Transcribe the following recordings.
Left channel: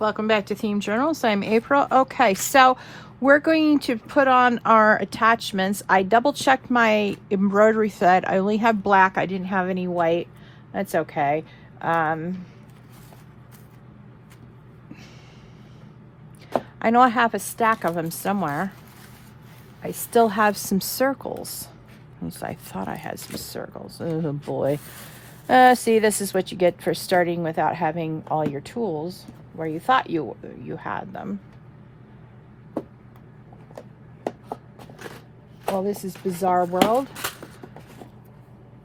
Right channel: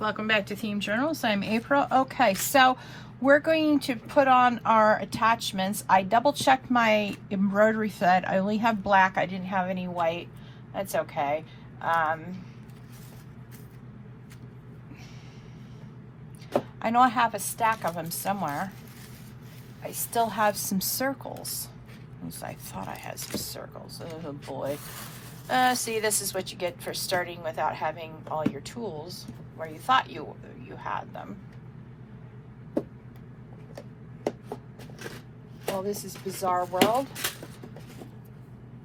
Welcome back to Themed Journals. I'm April. Okay, so we're going to put on our attachments. I double checked my embroidery thread. I only have black. I didn't have any white. That's okay. I know I have a stack of them somewhere. I still have some circles. At least I thought I had some circles. Oh boy. See, this is what you get for starting without having all your tools where you thought you had them. Well, this is Bizarre World.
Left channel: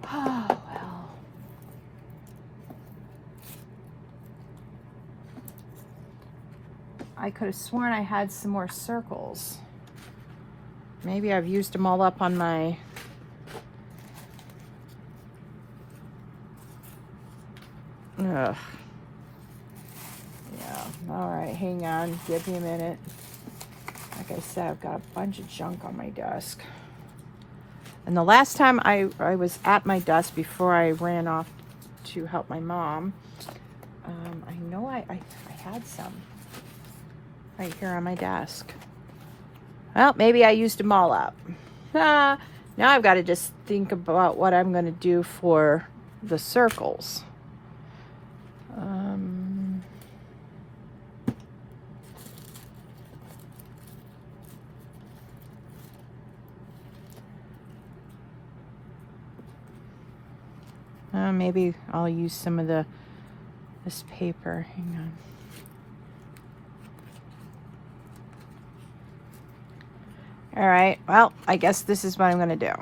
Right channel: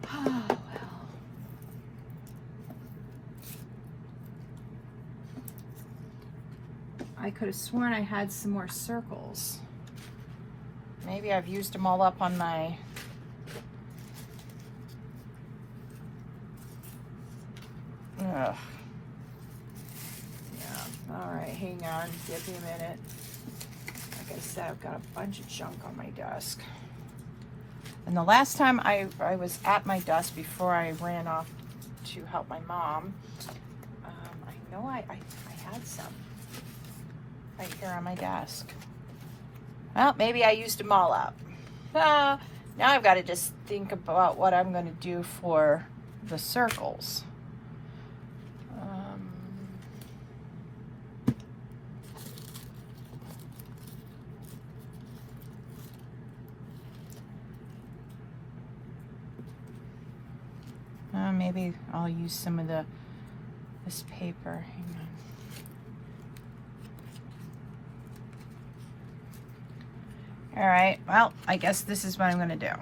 Oh, well. I could have sworn I had some more circles. Maybe I've used them all up on my... Ugh. Yeah, all right, hang on, give me a minute. Like I said, I've got a bunch of junk on my desk. And the last time I was at my desk before I ran off to help my mom, I know I had some right here on my desk. Well, maybe I used them all up. Now I've got to just think about what I'm going to do for the circles. Maybe I'll use some of this paper. Hang on. All right, well, I guess this is what I'm gonna do.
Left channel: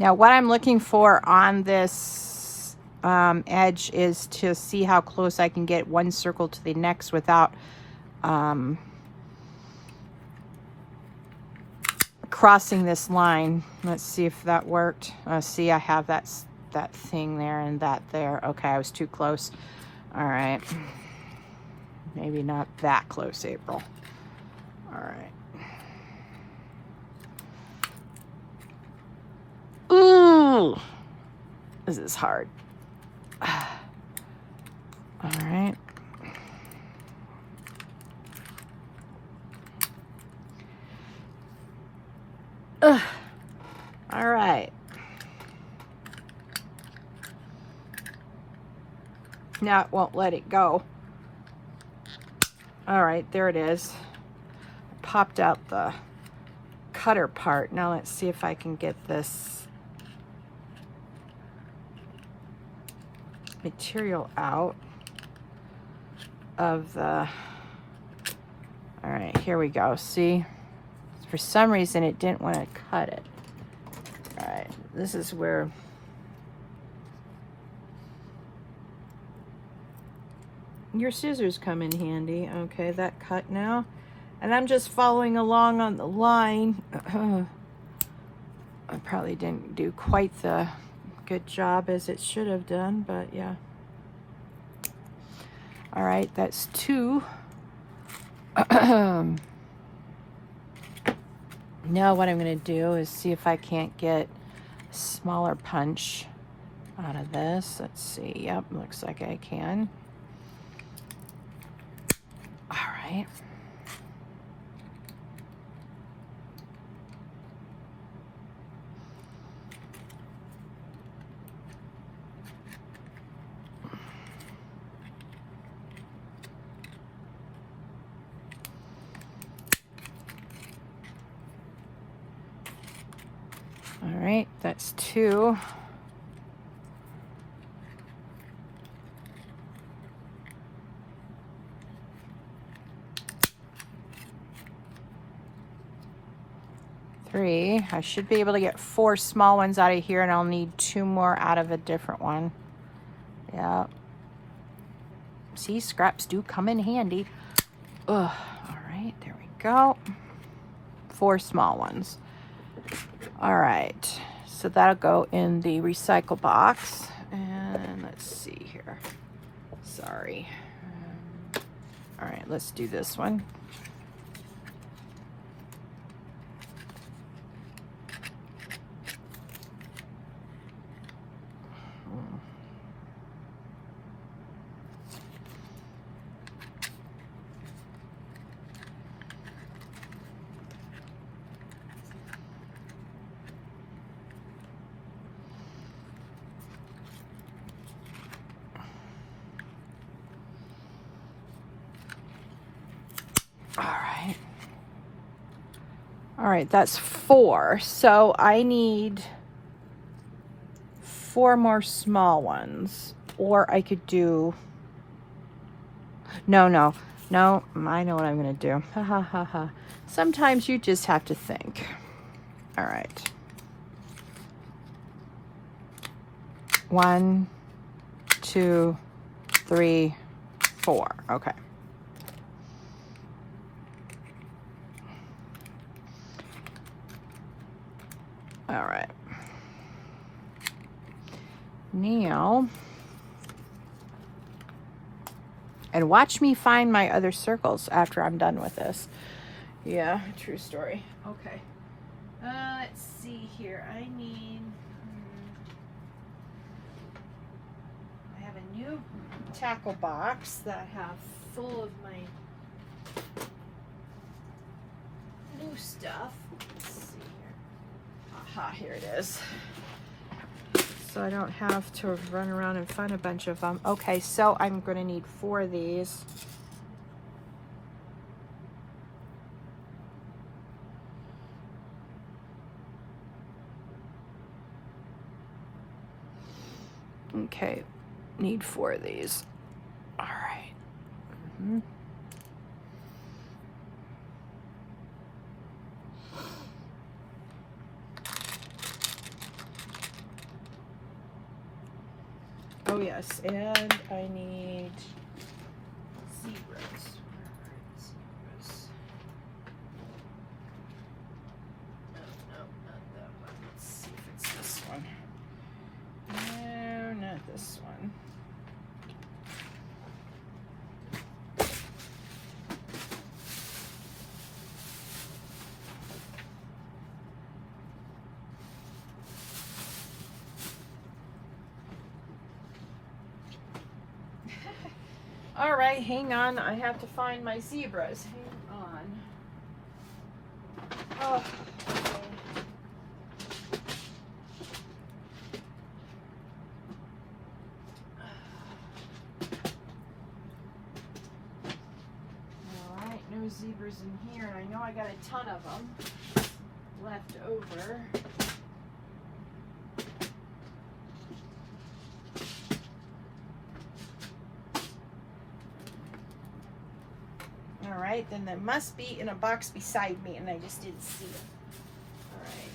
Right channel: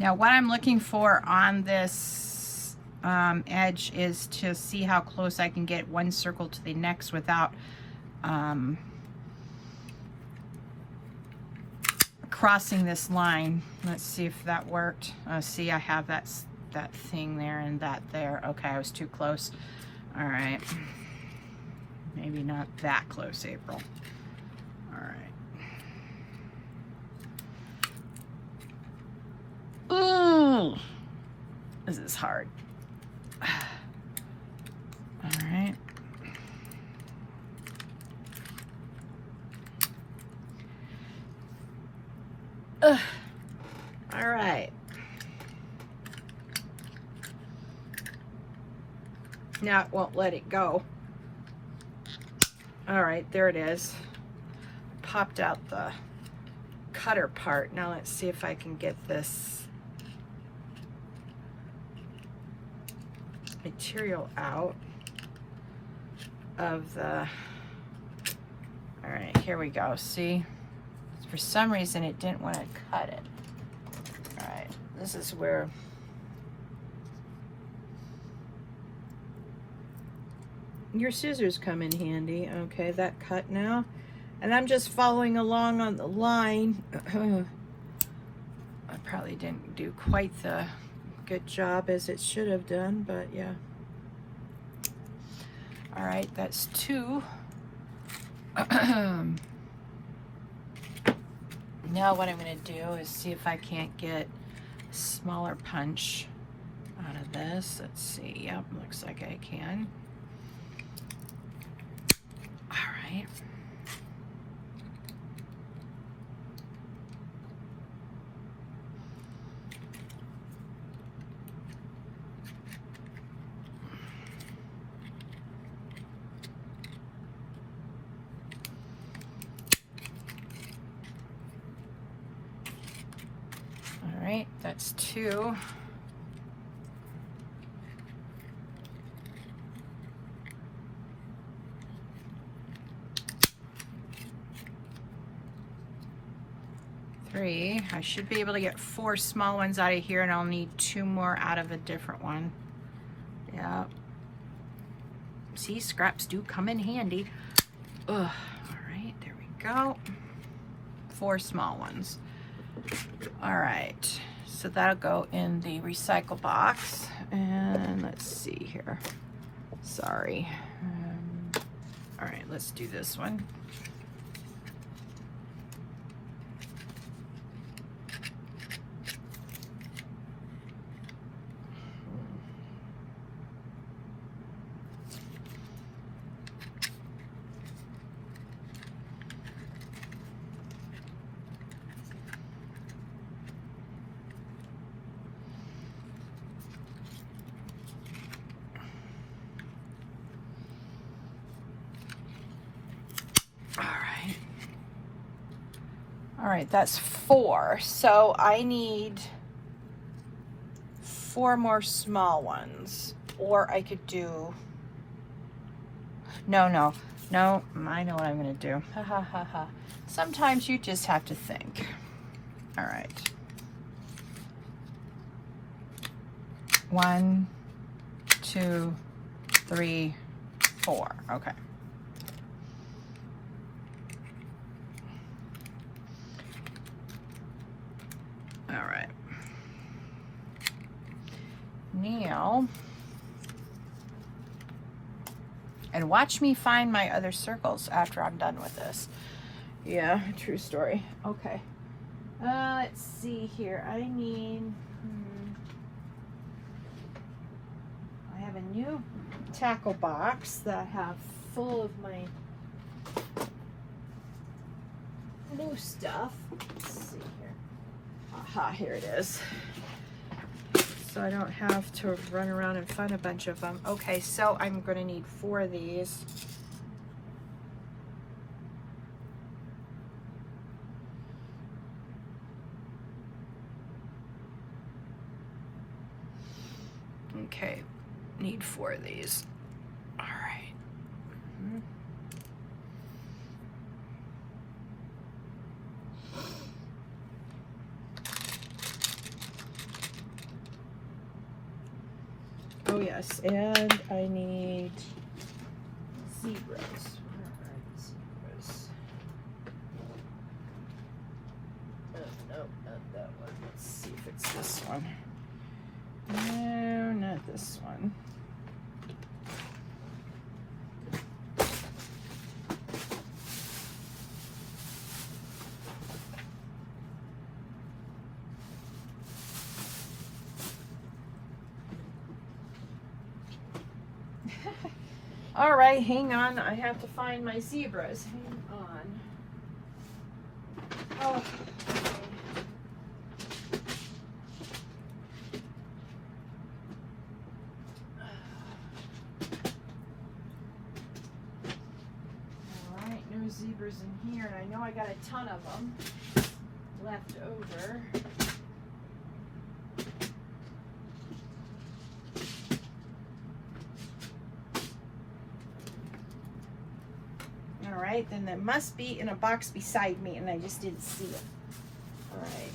Now what I'm looking for on this edge is to see how close I can get one circle to the next without crossing this line. Let's see if that worked. See, I have that thing there and that there. Okay, I was too close. All right. Maybe not that close, April. All right. Ooh, this is hard. All right. All right. Now it won't let it go. All right, there it is. Popped out the cutter part. Now let's see if I can get this material out of the... All right, here we go. See, for some reason it didn't want to cut it. All right, this is where your scissors come in handy. Okay, that cut now, and I'm just following along on the line. I probably didn't do quite the good job as it should have done, but yeah. All right, that's two. Now what I'm going to do is see if I can't get a smaller punch out of this. Let's see. Yep, looks like I can. All right. All right, that's two. Three. I should be able to get 4 small ones out of here, and I'll need 2 more out of a different one. Yeah. See, scraps do come in handy. Ugh. All right, there we go. 4 small ones. All right, so that'll go in the recycle box. And let's see here. Sorry. All right, let's do this one. All right, that's 4. So I need 4 more small ones, or I could do, no, I know what I'm gonna do. Ha ha ha ha. Sometimes you just have to think. All right. 1, 2, 3, 4. Okay. All right. Now, and watch me find my other circles after I'm done with this. Yeah, true story. Okay. Let's see here. I have a new tackle box that I have full of my blue stuff. Let's see here. Aha, here it is. So I don't have to run around and find a bunch of them. Okay, so I'm going to need 4 of these. Okay, need 4 of these. All right. Oh yes, and I need zebras. Where are the zebras? Oh, no, not that one. Let's see if it's this one. No, not this one. All right, hang on. I have to find my zebras. Hang on. Oh. All right, no zebras in here, and I know I got a ton of them left over. All right, then there must be in a box beside me, and I just didn't see it. All right.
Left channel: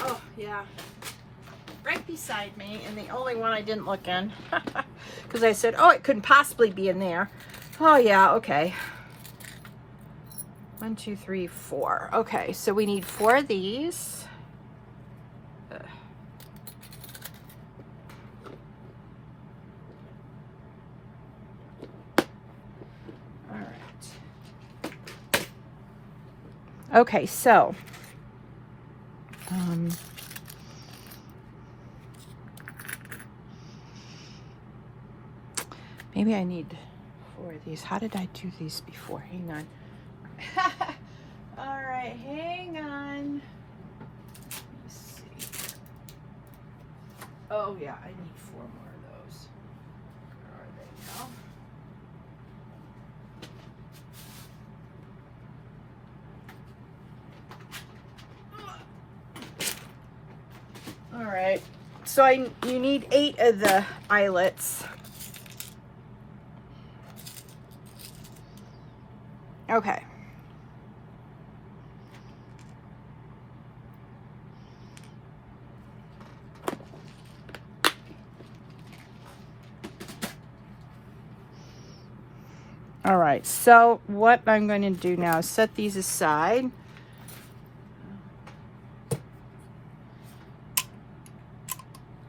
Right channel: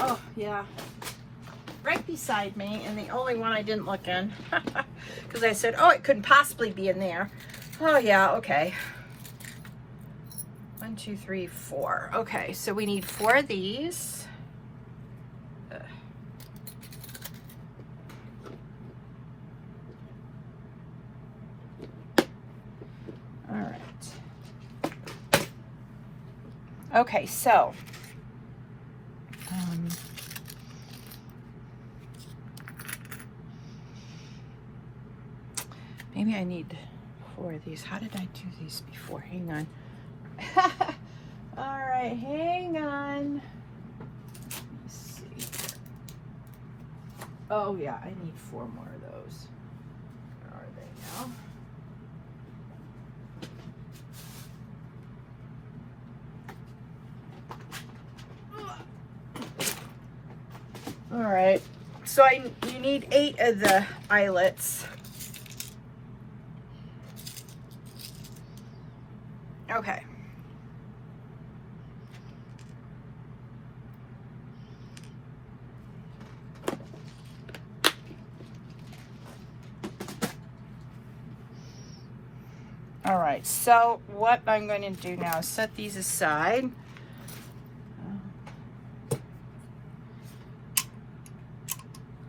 Oh, yeah. Right beside me, and the only one I didn't look in. Because I said, oh, it couldn't possibly be in there. Oh, yeah, okay. 1, 2, 3, 4. Okay, so we need 4 of these. Okay, so maybe I need 4 of these. How did I do these before? Hang on. All right, hang on. Let's see. Oh yeah, I need 4 more of those. Where are they now? All right, so you need 8 of the eyelets. Okay. All right, so what I'm going to do now is set these aside.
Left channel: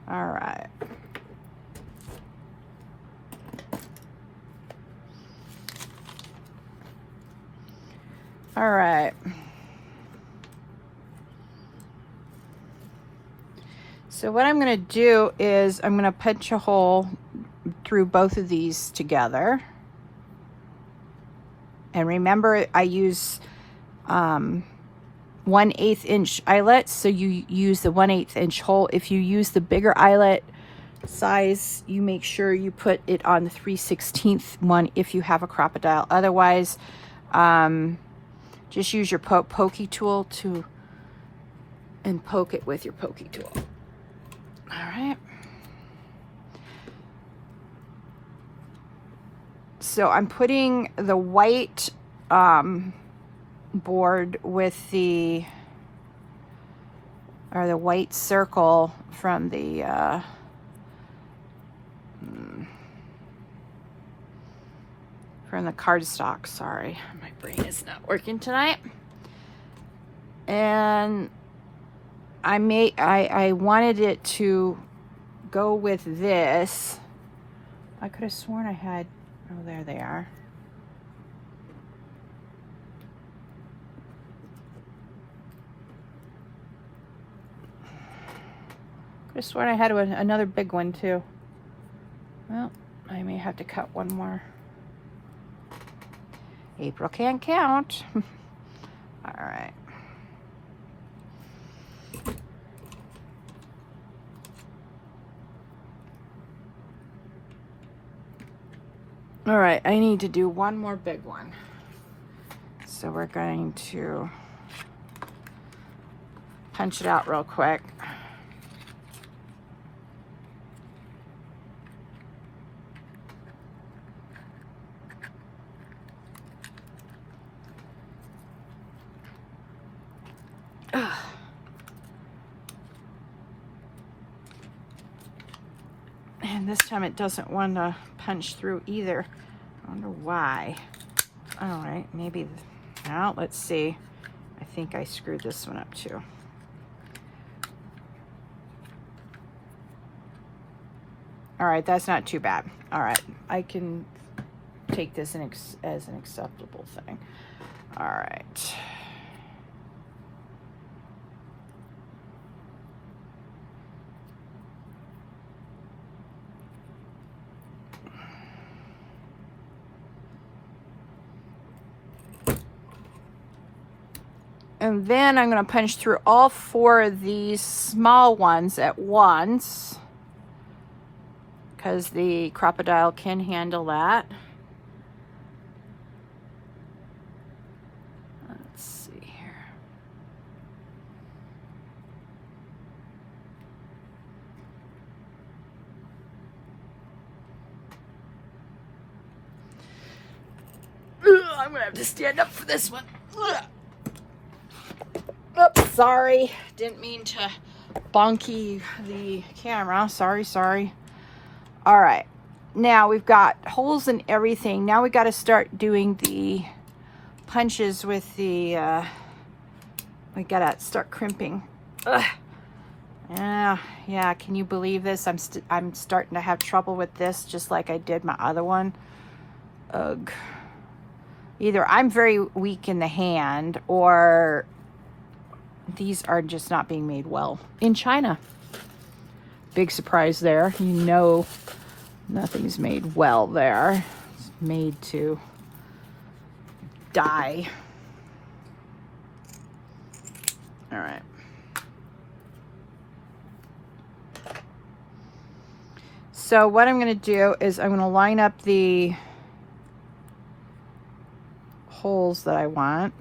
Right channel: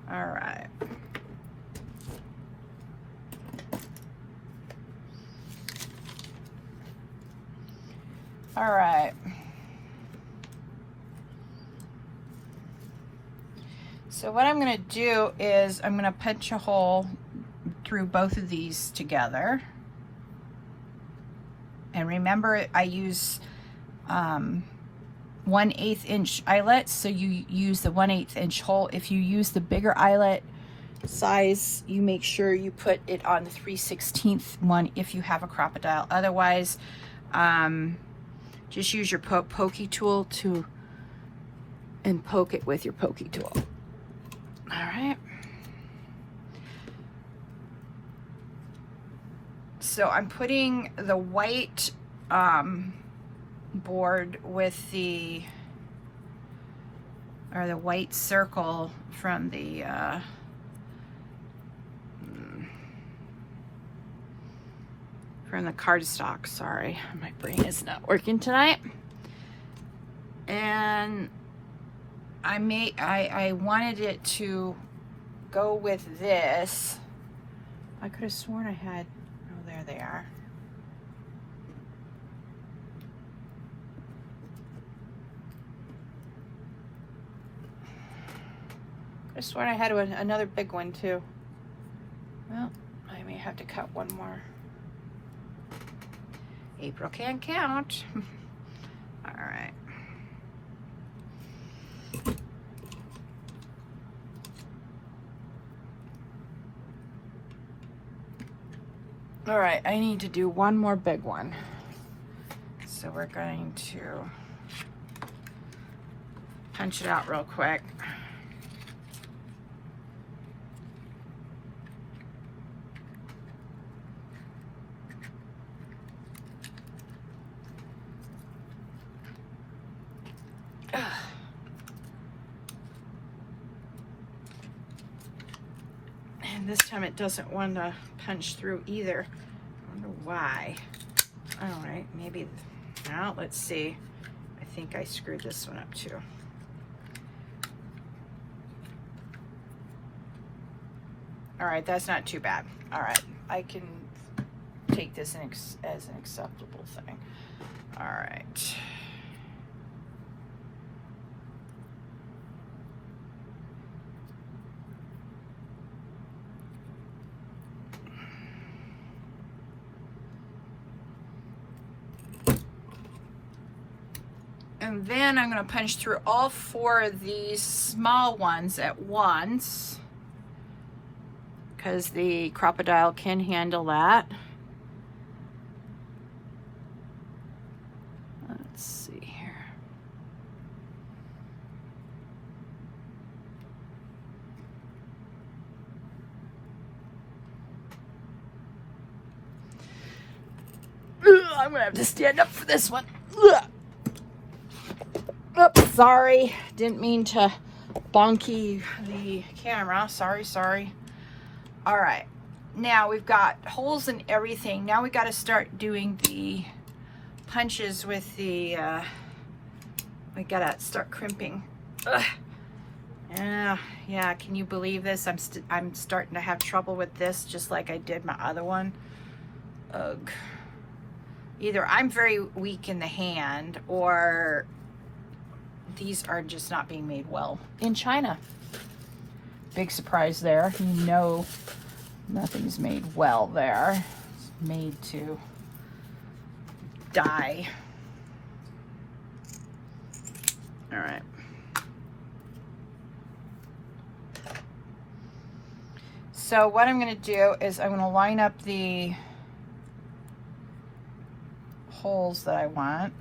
All right. All right. So what I'm going to do is I'm going to punch a hole through both of these together. And remember, I use 1/8 inch eyelets, so you use the 1/8 inch hole. If you use the bigger eyelet size, you make sure you put it on the 3/16 one if you have a crocodile. Otherwise, just use your pokey tool and poke it with your pokey tool. All right. So I'm putting the white board with the white circle from the cardstock. Sorry, my brain is not working tonight. And I wanted it to go with this. I could have sworn I had, oh, there they are. Could have sworn I had another big one too. Well, I may have to cut one more. April can't count. All right. All right, I need to do one more big one. So we're going to punch it out real quick. Ugh. And this time it doesn't want to punch through either. I wonder why. All right, maybe, well, let's see. I think I screwed this one up too. All right, that's not too bad. All right, I can take this as an acceptable thing. All right. And then I'm going to punch through all 4 of these small ones at once, because the crocodile can handle that. Let's see here. I'm going to have to stand up for this one. Oops, sorry. Didn't mean to bonky the camera. Sorry. All right. Now we've got holes in everything. Now we got to start doing the punches with the, we got to start crimping. Ugh. Yeah, can you believe this? I'm starting to have trouble with this, just like I did my other one. Ugh. Either I'm very weak in the hand, or these are just not being made well in China. Big surprise there. You know, nothing's made well there. It's made to die. All right. So what I'm going to do is I'm going to line up the holes that I want.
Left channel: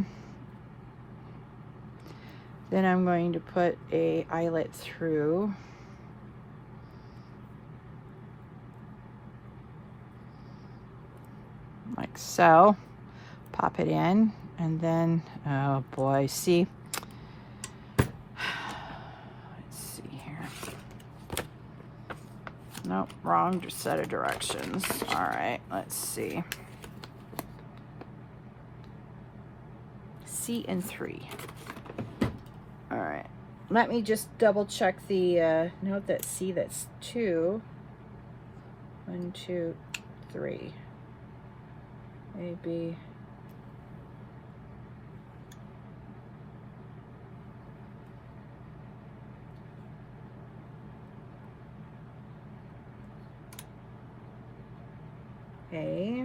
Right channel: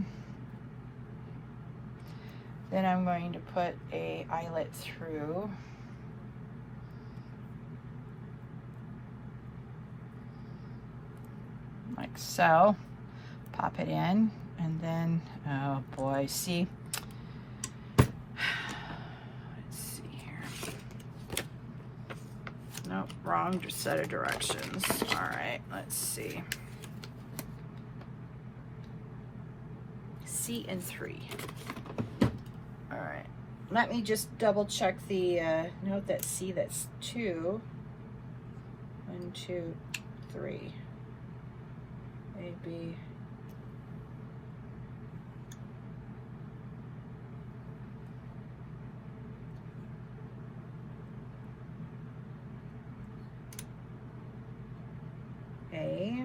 Then I'm going to put a eyelet through. Like so. Pop it in, and then, oh boy, see? Let's see here. Nope, wrong set of directions. All right, let's see. C and 3. All right. Let me just double check the note that C, that's 2. 1, 2, 3. A, B. A.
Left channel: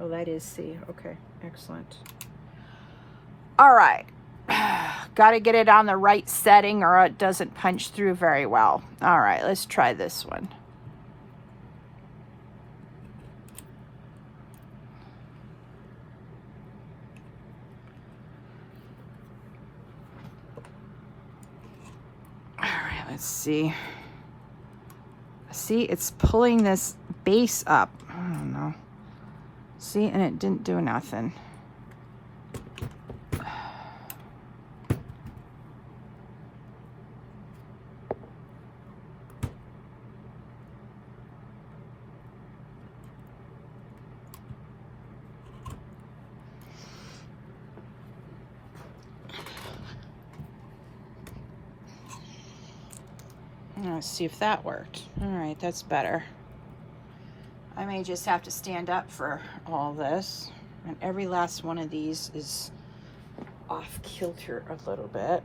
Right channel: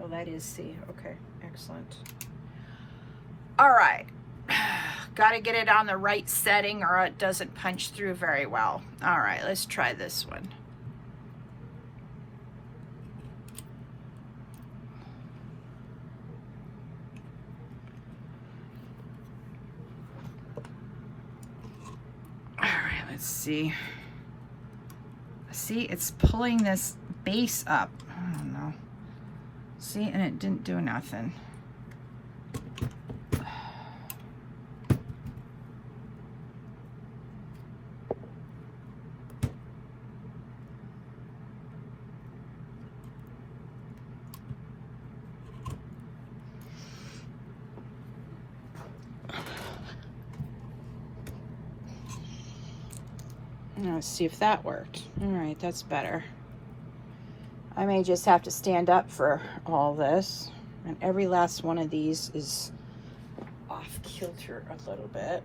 Oh, that is C. Okay, excellent. All right. Got to get it on the right setting or it doesn't punch through very well. All right, let's try this one. All right, let's see. See, it's pulling this base up. I don't know. See, and it didn't do nothing. Let's see if that worked. All right, that's better. I may just have to stand up for all this. And every last one of these is off kilter a little bit.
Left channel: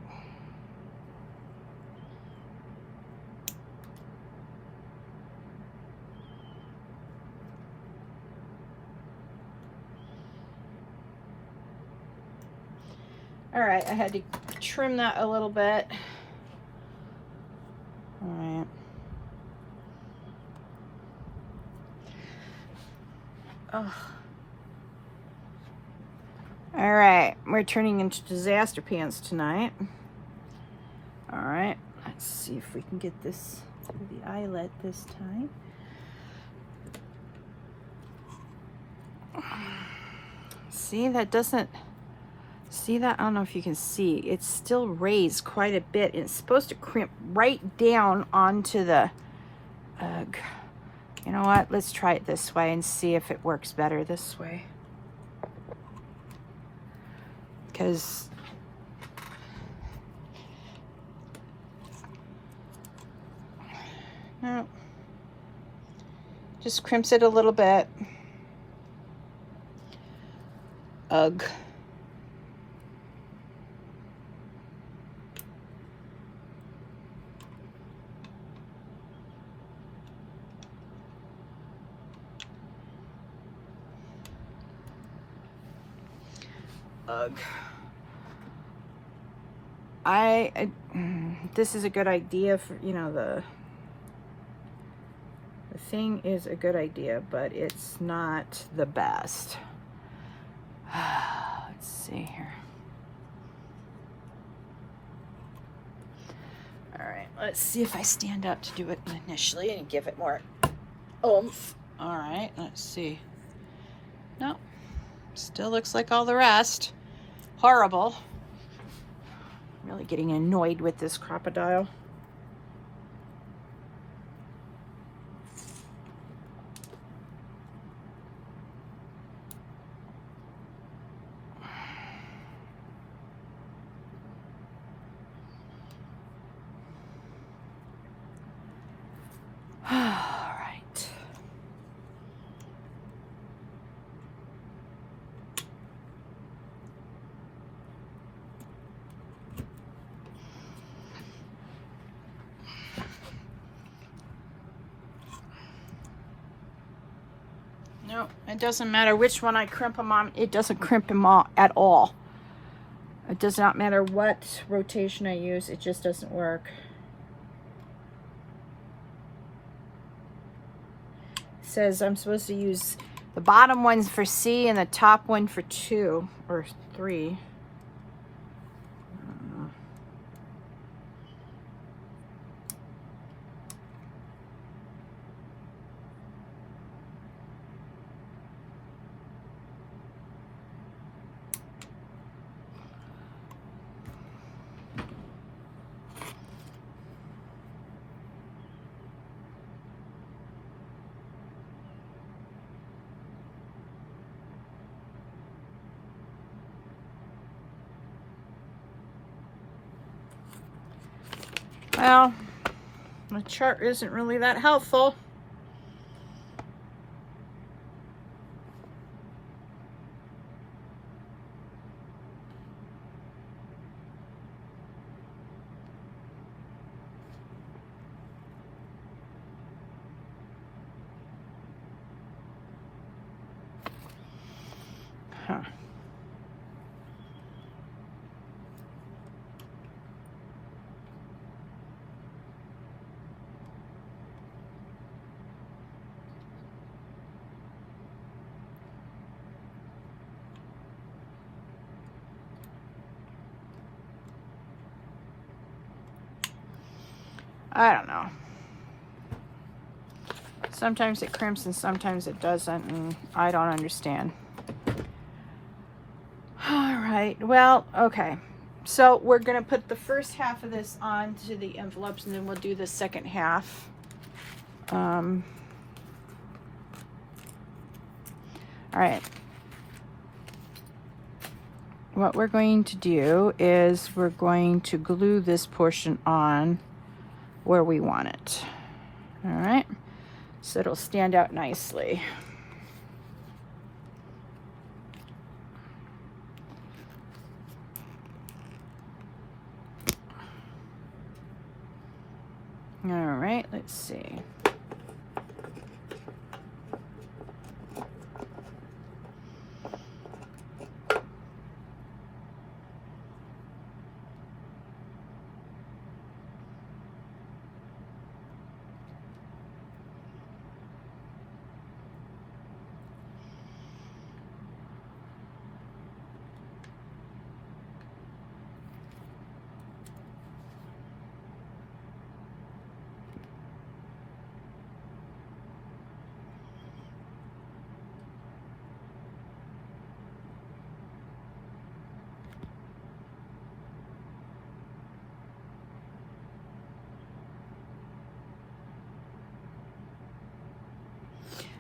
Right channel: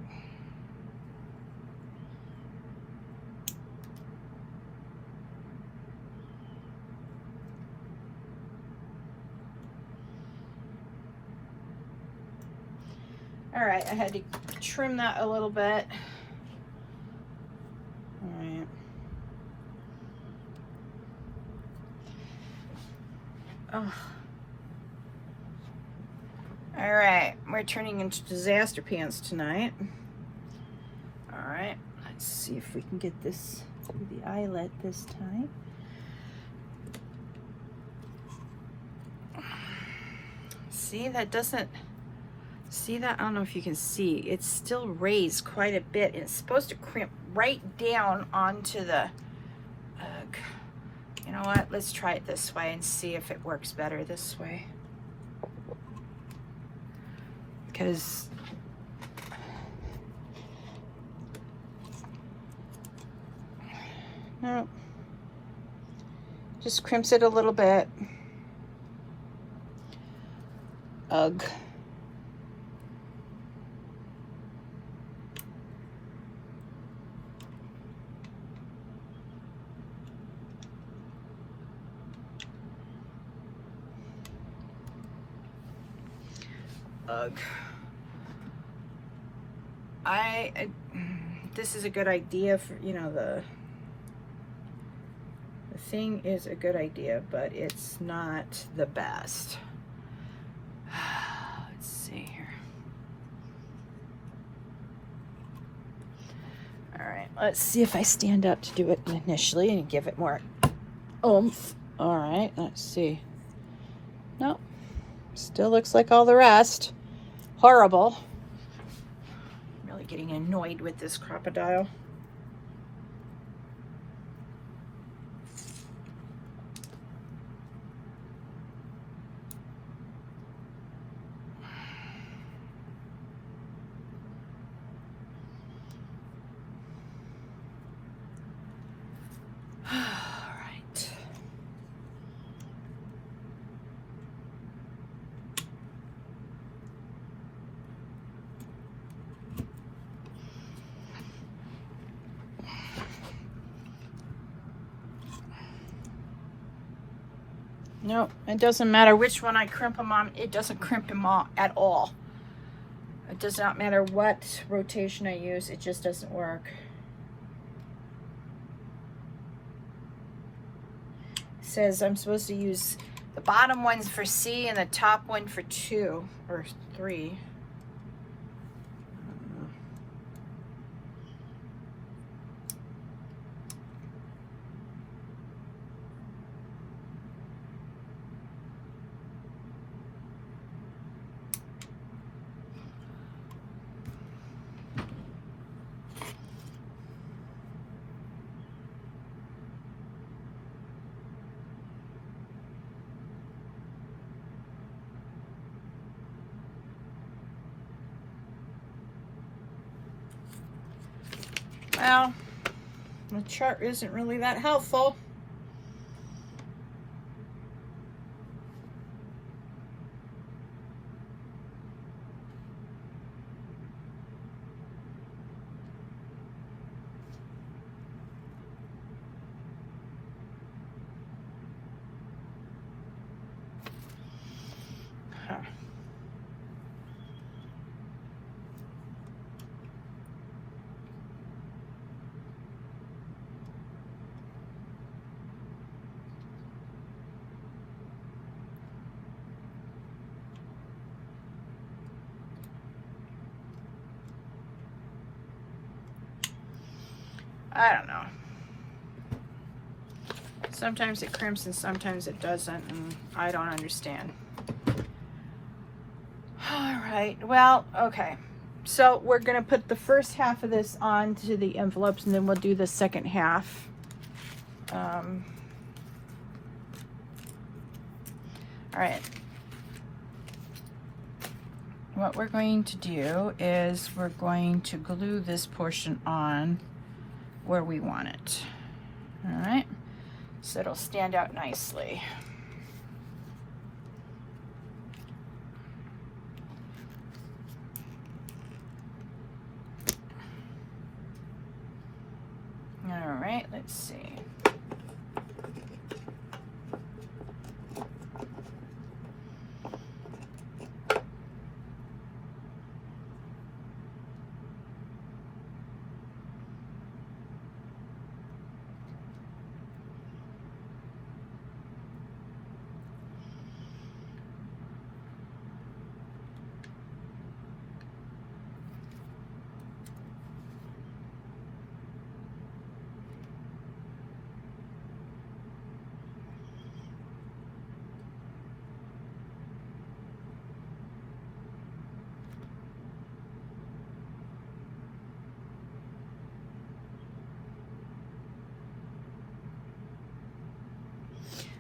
All right, I had to trim that a little bit. All right. Oh. All right, we're turning into disaster pants tonight. All right, let's see if we can get this through the eyelet this time. See, that doesn't, see that? I don't know if you can see. It's still raised quite a bit. It's supposed to crimp right down onto the, you know what? Let's try it this way and see if it works better this way. Because no, just crimps it a little bit. Ugh. Ugh. This is a good idea for, you know, the thing is a good idea, but it's not the best. Let's see here. All right, let's see if I stand up to do it initially and give it more oomph. All right, let's see. Nope, still looks like all the rest. Horrible. I'm really getting annoyed with this crocodile. All right. No, it doesn't matter which one I crimp them on. It doesn't crimp them all at all. It does not matter what rotation I use. It just doesn't work. It says I'm supposed to use the bottom ones for C and the top one for 2 or 3. The chart isn't really that helpful. Huh. I don't know. Sometimes it crimps and sometimes it doesn't, and I don't understand. All right, well, okay. So we're gonna put the first half of this onto the envelopes, and then we'll do the second half. All right. What we're going to do is we're going to glue this portion on where we want it. All right, so it'll stand out nicely. All right, let's see.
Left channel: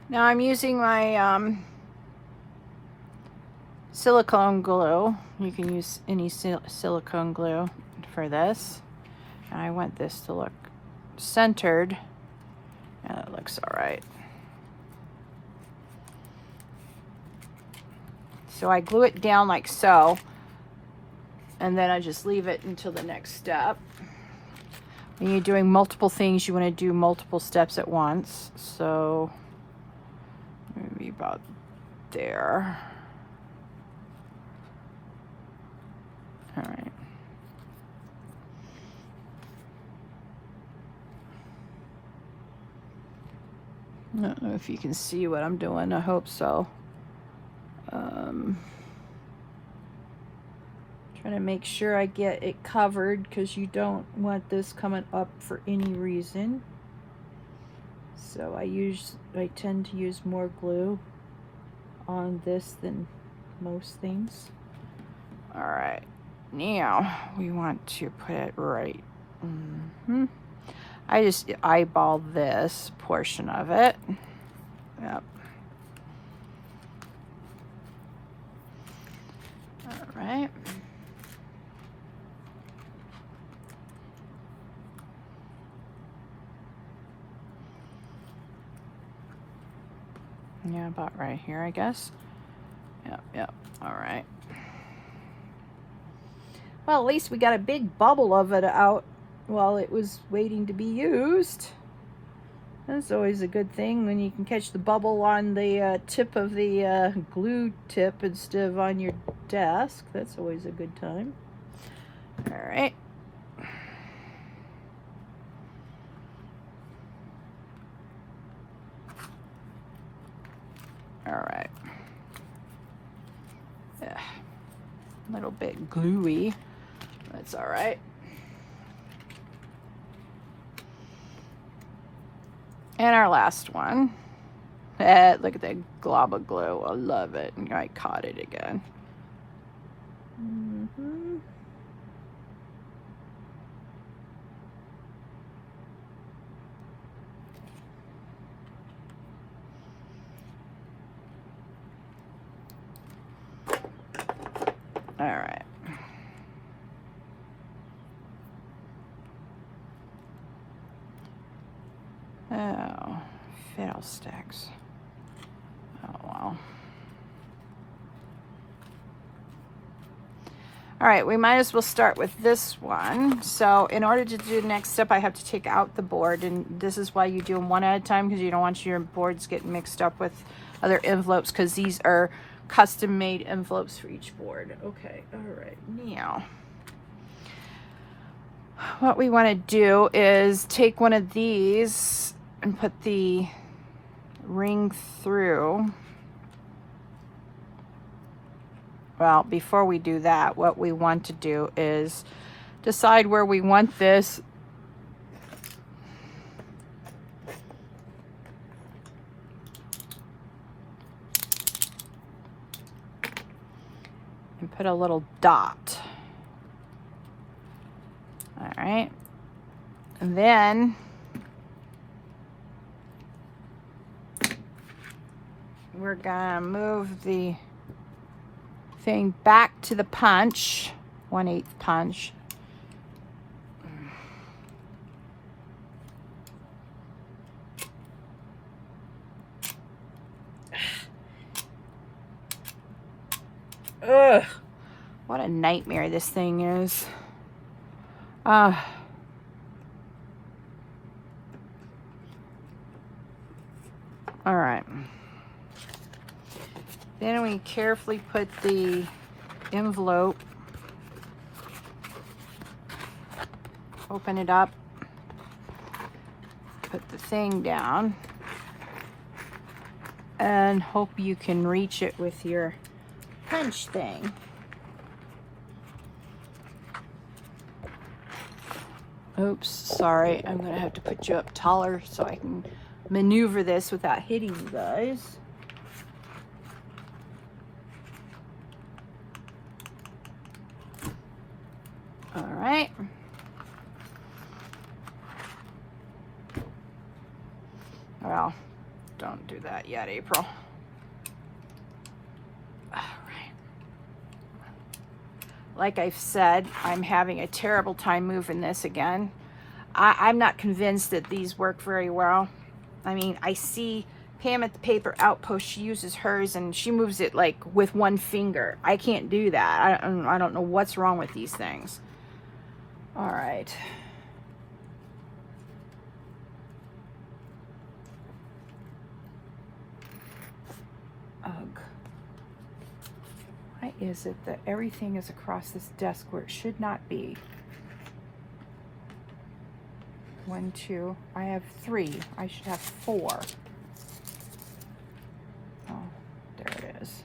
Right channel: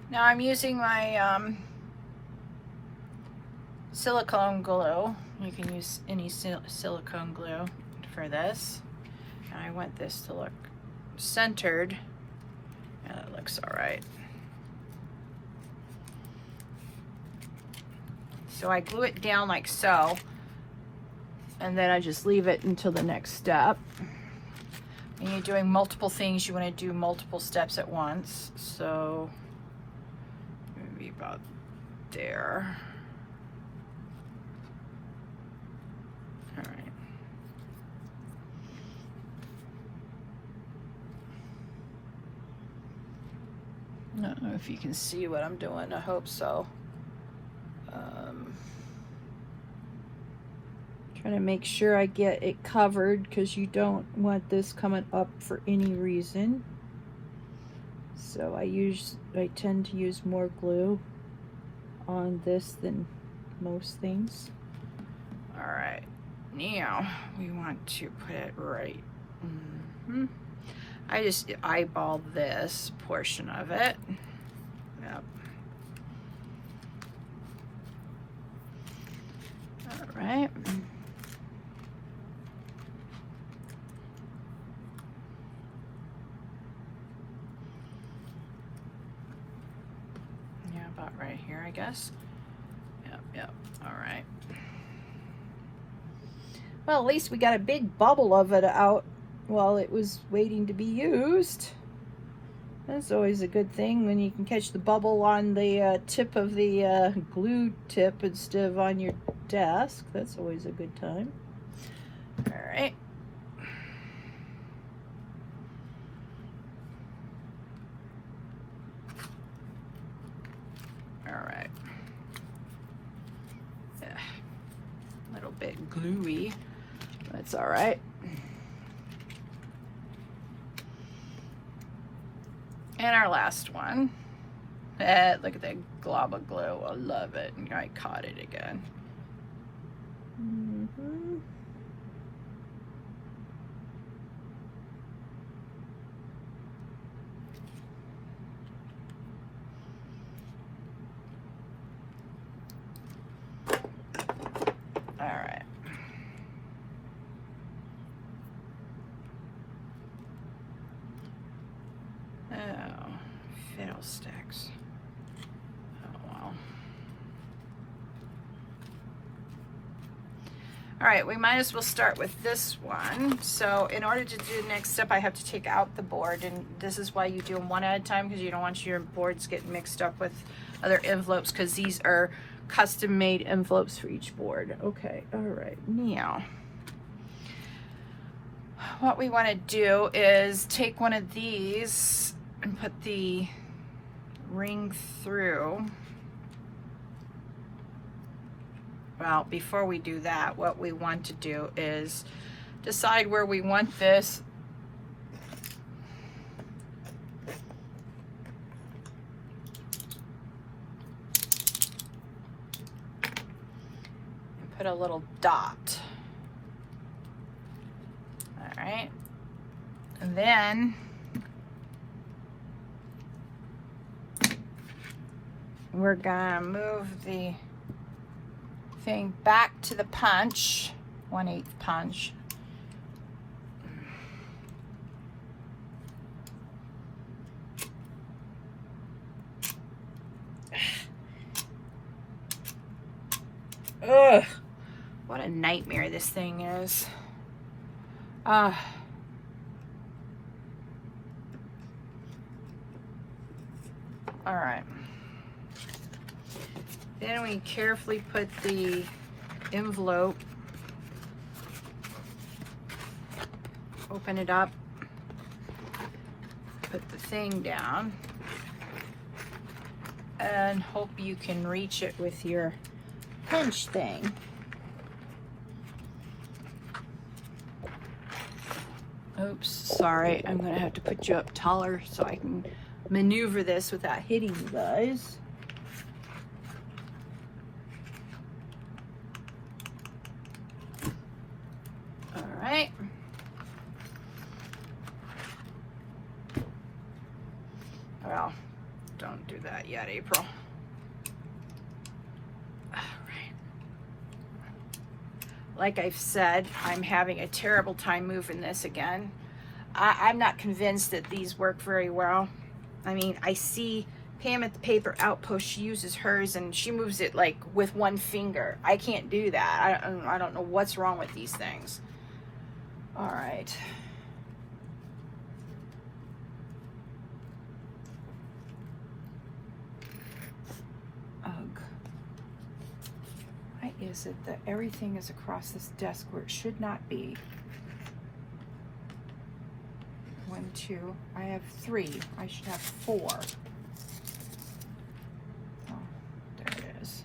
Now I'm using my silicone glue. You can use any silicone glue for this. I want this to look centered, and it looks all right. So I glue it down like so, and then I just leave it until the next step. When you're doing multiple things, you want to do multiple steps at once. So maybe about there. All right. I don't know if you can see what I'm doing. I hope so. Trying to make sure I get it covered, because you don't want this coming up for any reason. So I tend to use more glue on this than most things. All right, now we want to put it right. I just eyeball this portion of it. Yep. All right. Yeah, about right here, I guess. Yep, all right. Well, at least we got a big bubble of it out while it was waiting to be used. That's always a good thing when you can catch the bubble on the tip of the glue tip instead of on your desk. That's always a good time. All right. All right. Yeah, a little bit gluey. That's all right. And our last one. Look at that glob of glue. I love it. And I caught it again. All right. Oh, fiddlesticks. Oh, well. All right, we might as well start with this one. So in order to do the next step, I have to take out the board, and this is why you do them one at a time, because you don't want your boards getting mixed up with other envelopes, because these are custom made envelopes for each board. Okay, all right, now what we want to do is take one of these and put the ring through. Well, before we do that, what we want to do is decide where we want this. And put a little dot. All right. And then we're gonna move the thing back to the punch, 1/8 punch. Ugh, what a nightmare this thing is. All right. Then we carefully put the envelope, open it up, put the thing down, and hope you can reach it with your punch thing. Oops, sorry, I'm gonna have to put you up taller so I can maneuver this without hitting you guys. All right. Well, don't do that yet, April. All right. Like I've said, I'm having a terrible time moving this again. I'm not convinced that these work very well. I mean, I see Pam at the Paper Outpost, she uses hers and she moves it like with one finger. I can't do that. I don't know what's wrong with these things. All right. Ugh. Why is it that everything is across this desk where it should not be? 1, 2, I have 3. I should have 4. Oh, there it is.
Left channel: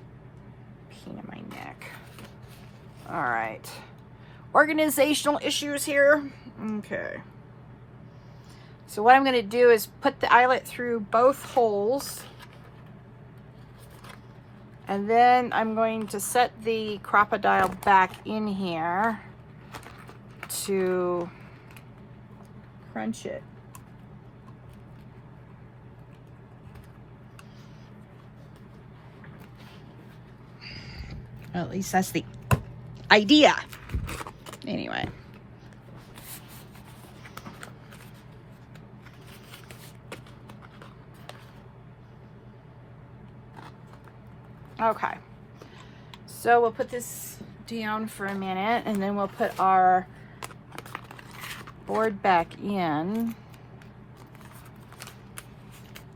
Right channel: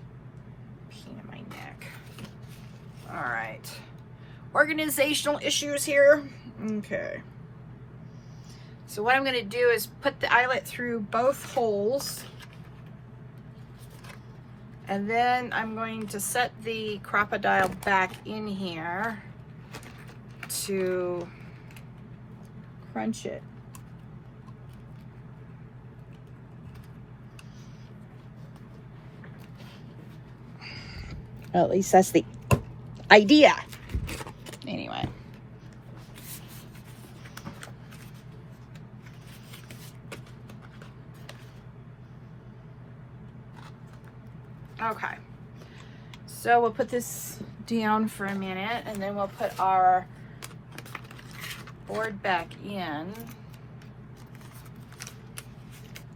Pain in my neck. All right. Organizational issues here. Okay. So what I'm going to do is put the eyelet through both holes. And then I'm going to set the crocodile back in here to crunch it. At least that's the idea. Anyway. Okay. So we'll put this down for a minute and then we'll put our board back in.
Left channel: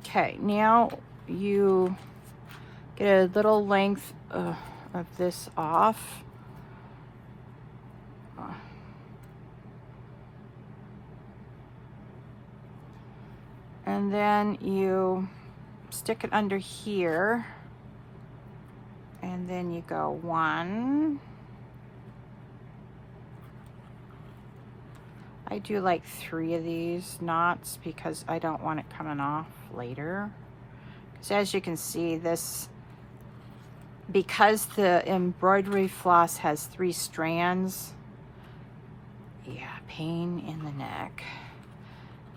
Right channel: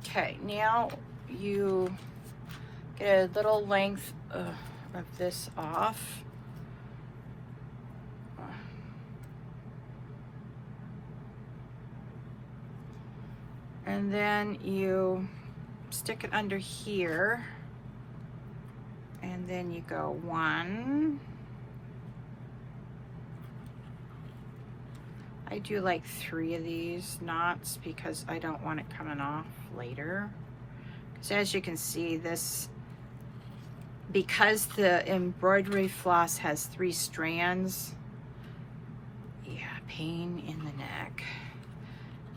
Okay, now you get a little length of this off. And then you stick it under here. And then you go 1. I do like 3 of these knots because I don't want it coming off later. So as you can see, this, because the embroidery floss has 3 strands, yeah, pain in the neck.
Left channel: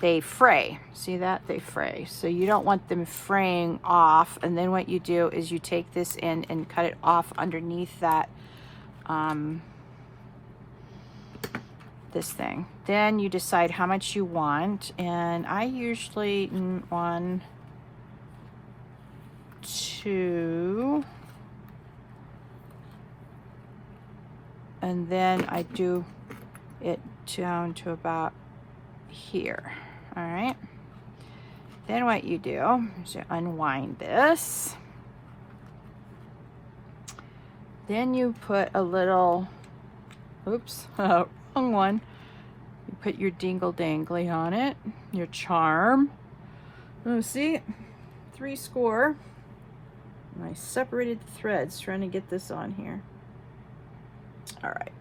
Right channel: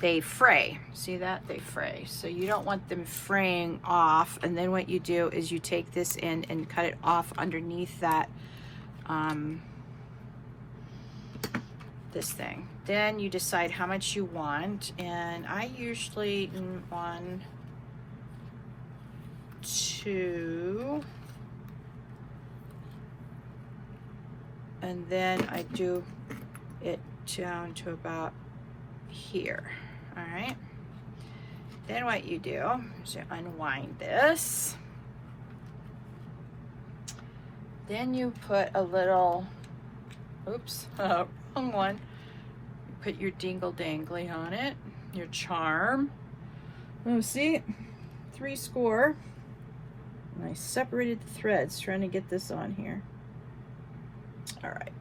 They fray. See that? They fray. So you don't want them fraying off. And then what you do is you take this in and cut it off underneath that, this thing. Then you decide how much you want, and I usually 1, 2, and then I do it down to about here. All right. Then what you do is you unwind this. Then you put a little, oops, wrong one. You put your dingle dangly on it, your charm. Oh, see, 3 score. And I separated the threads trying to get this on here. All right.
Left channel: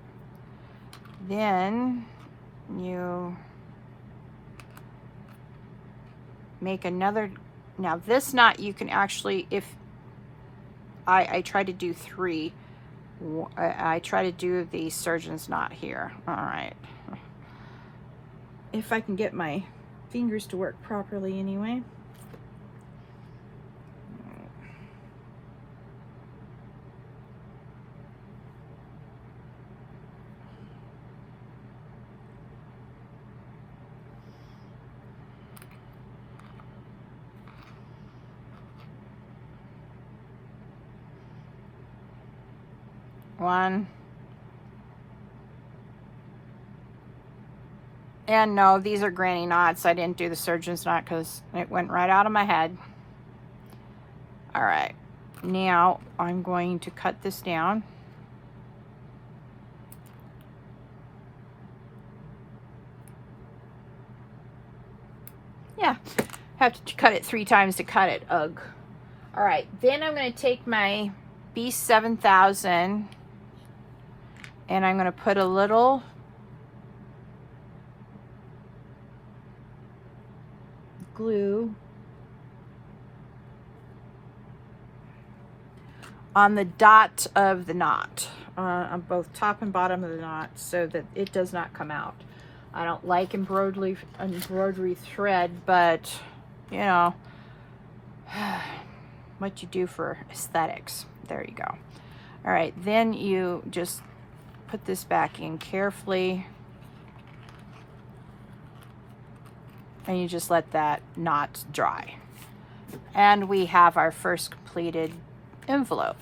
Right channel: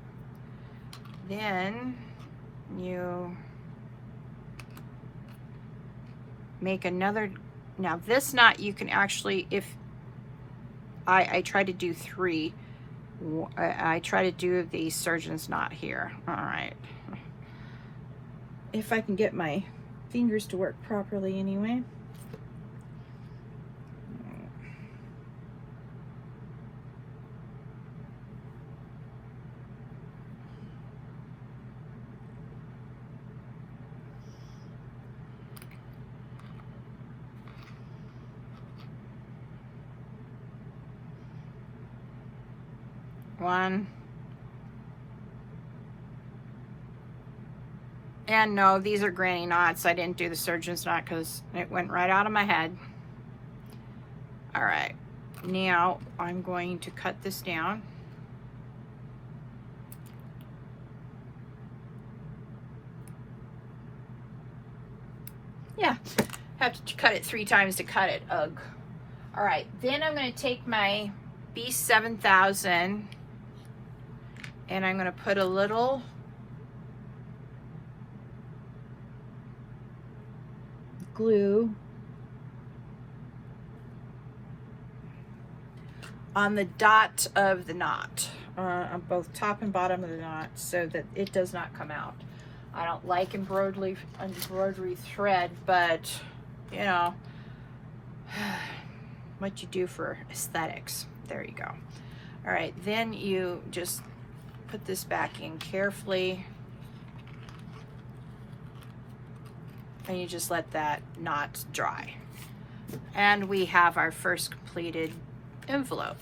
Then you make another. Now this knot you can actually, if I try to do 3, I try to do the surgeon's knot here. All right. If I can get my fingers to work properly anyway. One. And no, these are granny knots. I didn't do the surgeon's knot because it went right out of my head. All right, now I'm going to cut this down. Yeah, have to cut it 3 times to cut it. Ugh. All right, then I'm going to take my B7000 and I'm going to put a little glue on the dot of the knot, on both top and bottom of the knot, so that it does not come out. I don't like embroidery thread, but you know what you do for aesthetics. There you go. All right, then you just put this back in carefully, and you just let that knot dry. And we have our first completed envelope.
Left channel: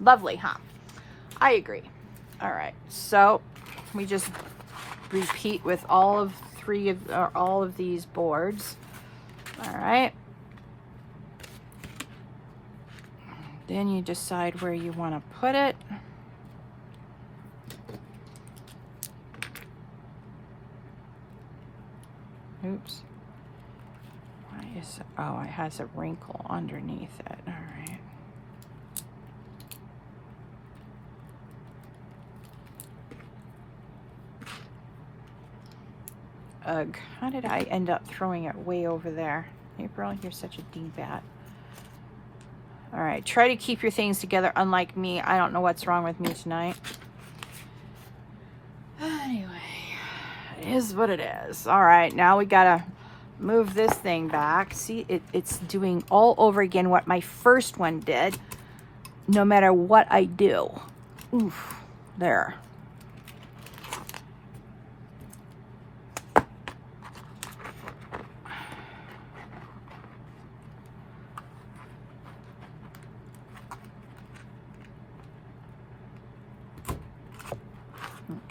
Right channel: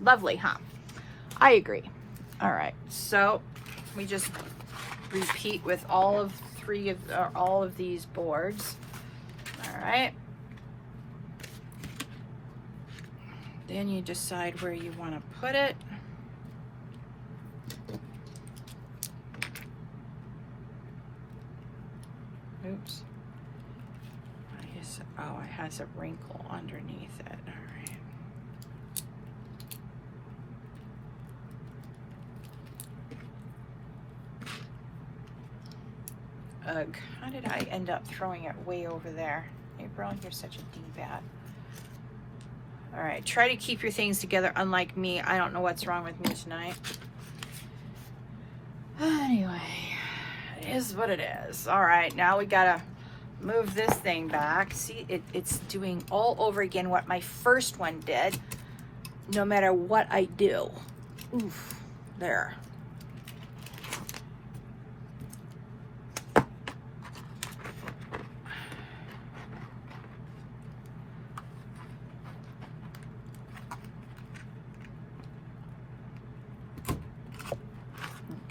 Lovely, huh? I agree. All right, so we just repeat with all of these boards. All right. Then you decide where you want to put it. Oops. Why is it? Oh, it has a wrinkle underneath it. All right. Ugh, how did I end up throwing it way over there? April, you're such a D-bat. All right, try to keep your things together, unlike me. I don't know what's wrong with me tonight. Anyway, it is what it is. All right, now we gotta move this thing back. See, it's doing all over again what my first one did, no matter what I do. Oof, there.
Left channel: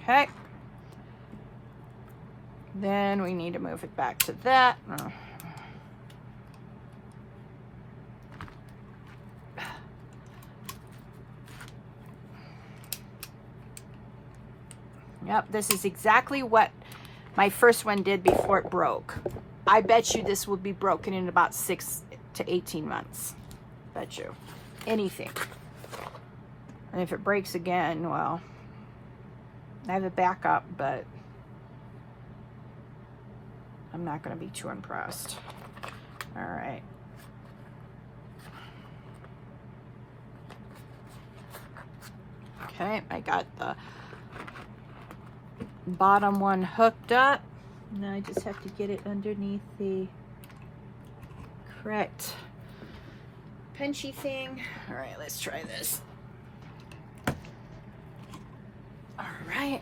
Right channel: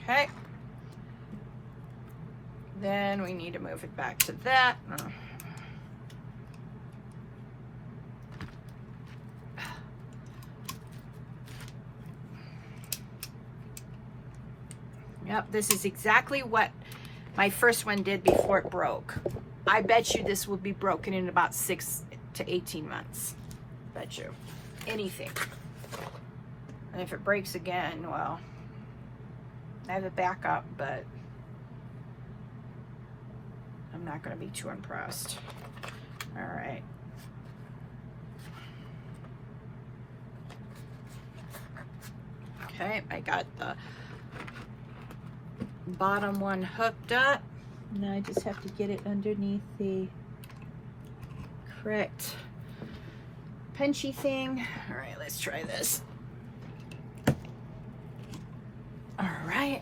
Okay. Then we need to move it back to that. Yep, this is exactly what my first one did before it broke. I bet you this will be broken in about 6 to 18 months. Bet you. Anything. And if it breaks again, well, I have a backup, but I'm not going to be too impressed. All right. Okay, I got the bottom one hooked up. Now I just have to get it underneath the correct punchy thing. All right, let's try this. All right.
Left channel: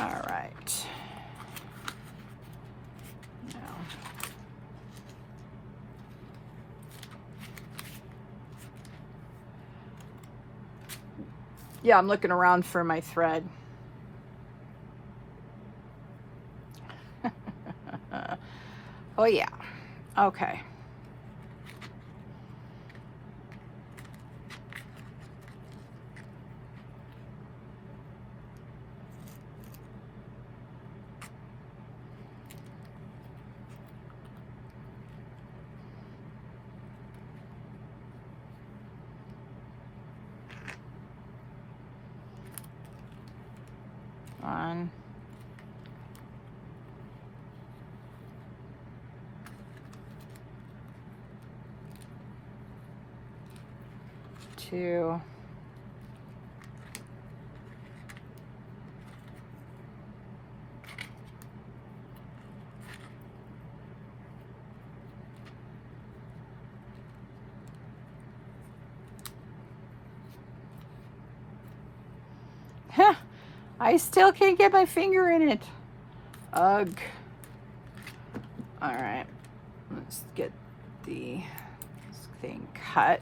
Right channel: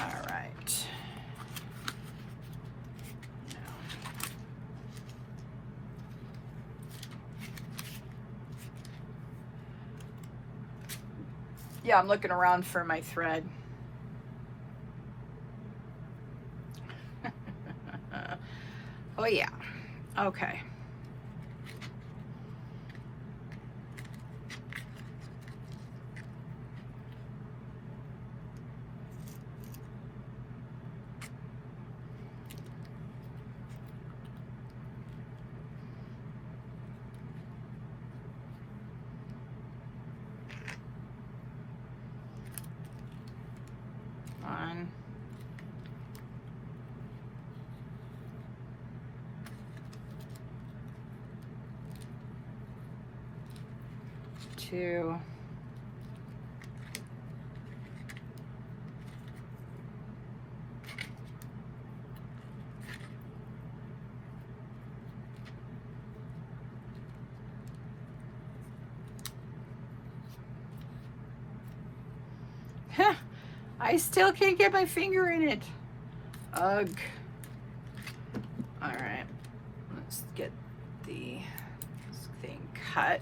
All right. Yeah, I'm looking around for my thread. Oh yeah, okay. One. 2. Huh, I still can't get my finger in it. Ugh. All right, let's get the thing cut.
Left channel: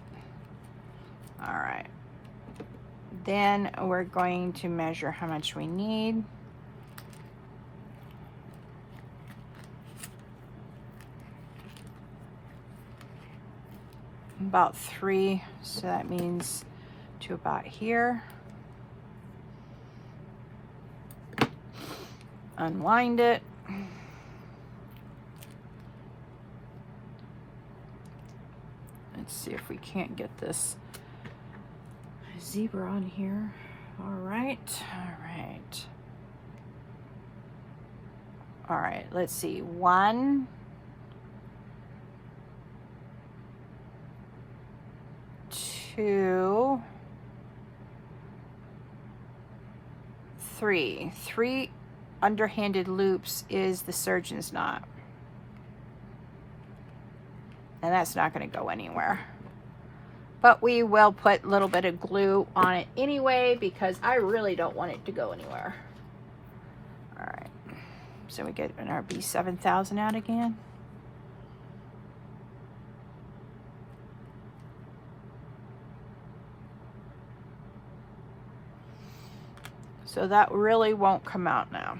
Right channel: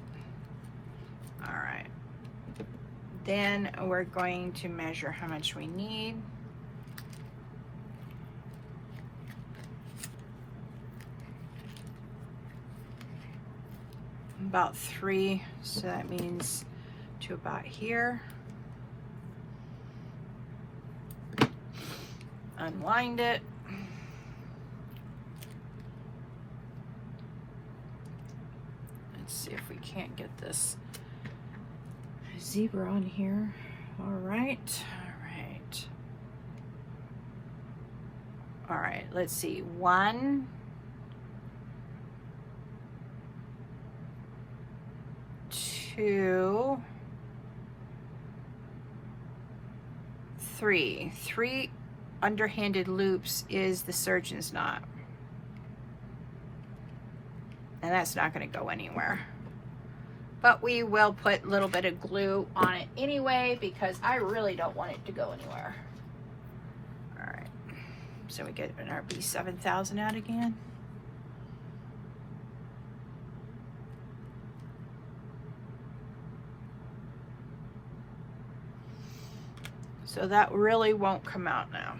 All right, then we're going to measure how much we need. About 3, so that means to about here. Unwind it. Let's see if we can't get this zebra on here. All right, all right. All right, let's see. 1, 2, 3. 3 underhanded loops is the surgeon's knot. And that's not going to go anywhere. But we will put a little bit of glue on it anyway because I really don't want it to go anywhere. All right. So we get an RB 7000 out again. So that really won't come out now.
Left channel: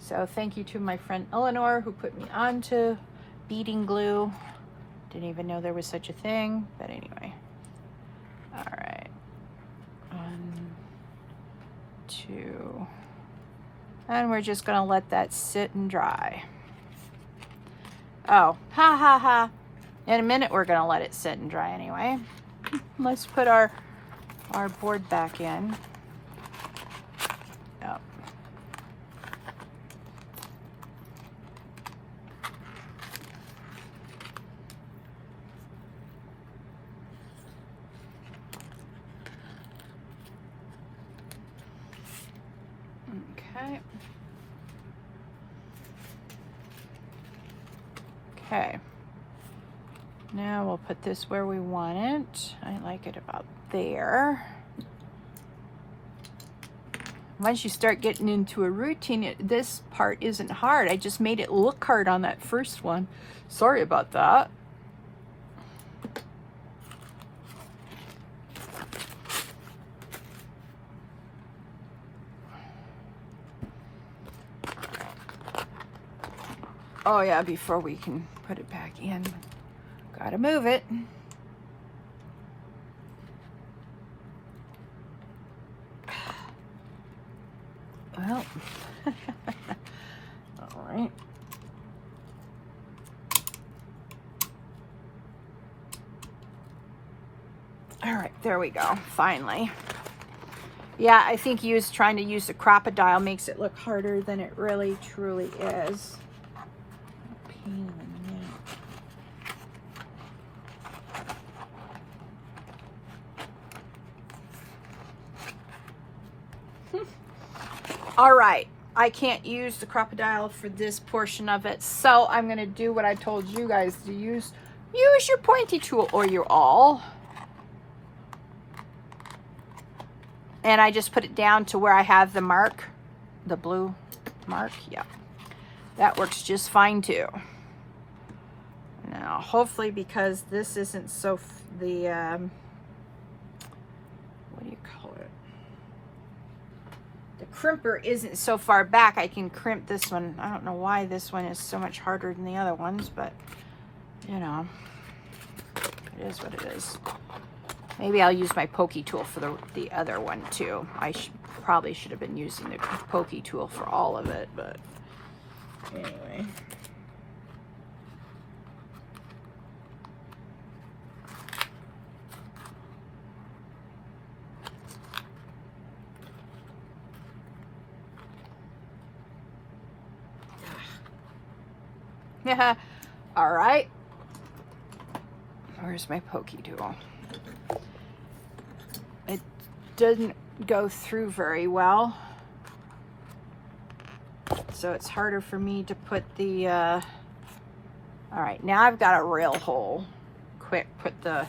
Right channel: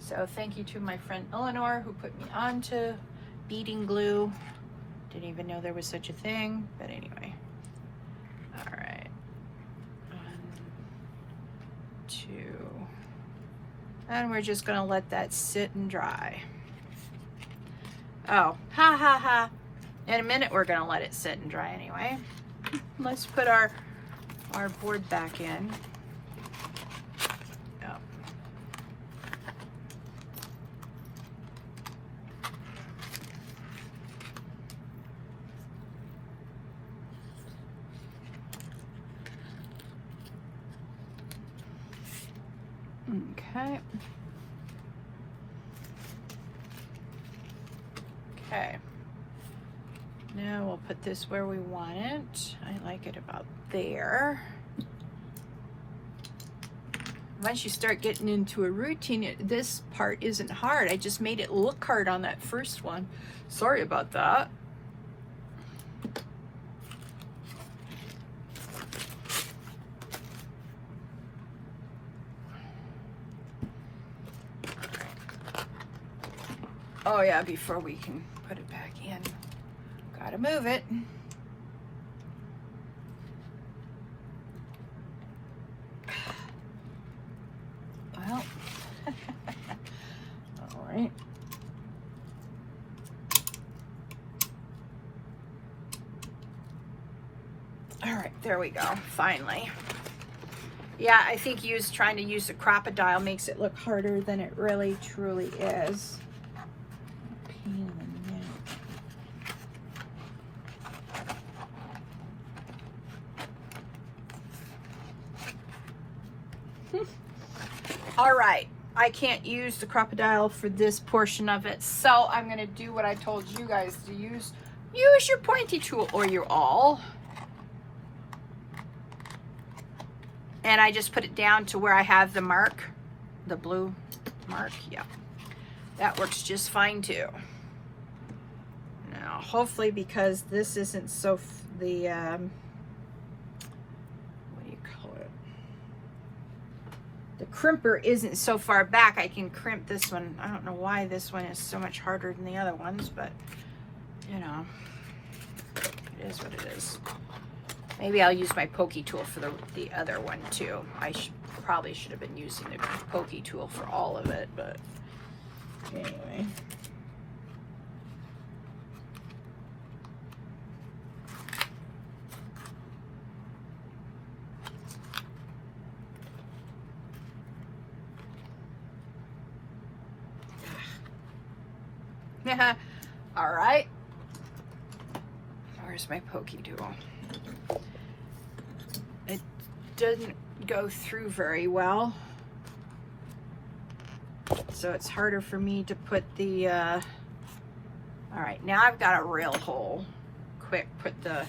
So thank you to my friend Eleanor who put me on to beading glue. Didn't even know there was such a thing, but anyway. All right. 1, 2. And we're just gonna let that sit and dry. Oh, ha ha ha. In a minute we're gonna let it sit and dry anyway. Let's put our board back in. Oh. Okay. Okay. Now we'll put this where we want it. I like it about there. Once you start getting into a routine, this part isn't hard. I just made it look hard on that first one. Sorry about that. Oh yeah, before we can put it back in, gotta move it. Well, all right. All right, there we go, finally. Yeah, I think trying to use the crocodile makes it look harder than it really truly is. Pain in the neck. All right, I can't use the crocodile for this portion of it, so I'm gonna do what I told you guys to use. Use your pointy tool or your awl. And I just put it down to where I have the mark, the blue mark. Yeah, that works just fine too. Now, hopefully, because this isn't so, what do you call it? The crimper isn't so far back, I can crimp this one. I don't know why this one is so much harder than the other ones, but you know, it is what it is. Maybe I'll use my pokey tool for the other one too. I probably should have been using the pokey tool for all of it, but anyway. All right. Where's my pokey tool? It doesn't go through very well, so it's harder for me to put the, all right, now I've got a real hole. Quick, put the,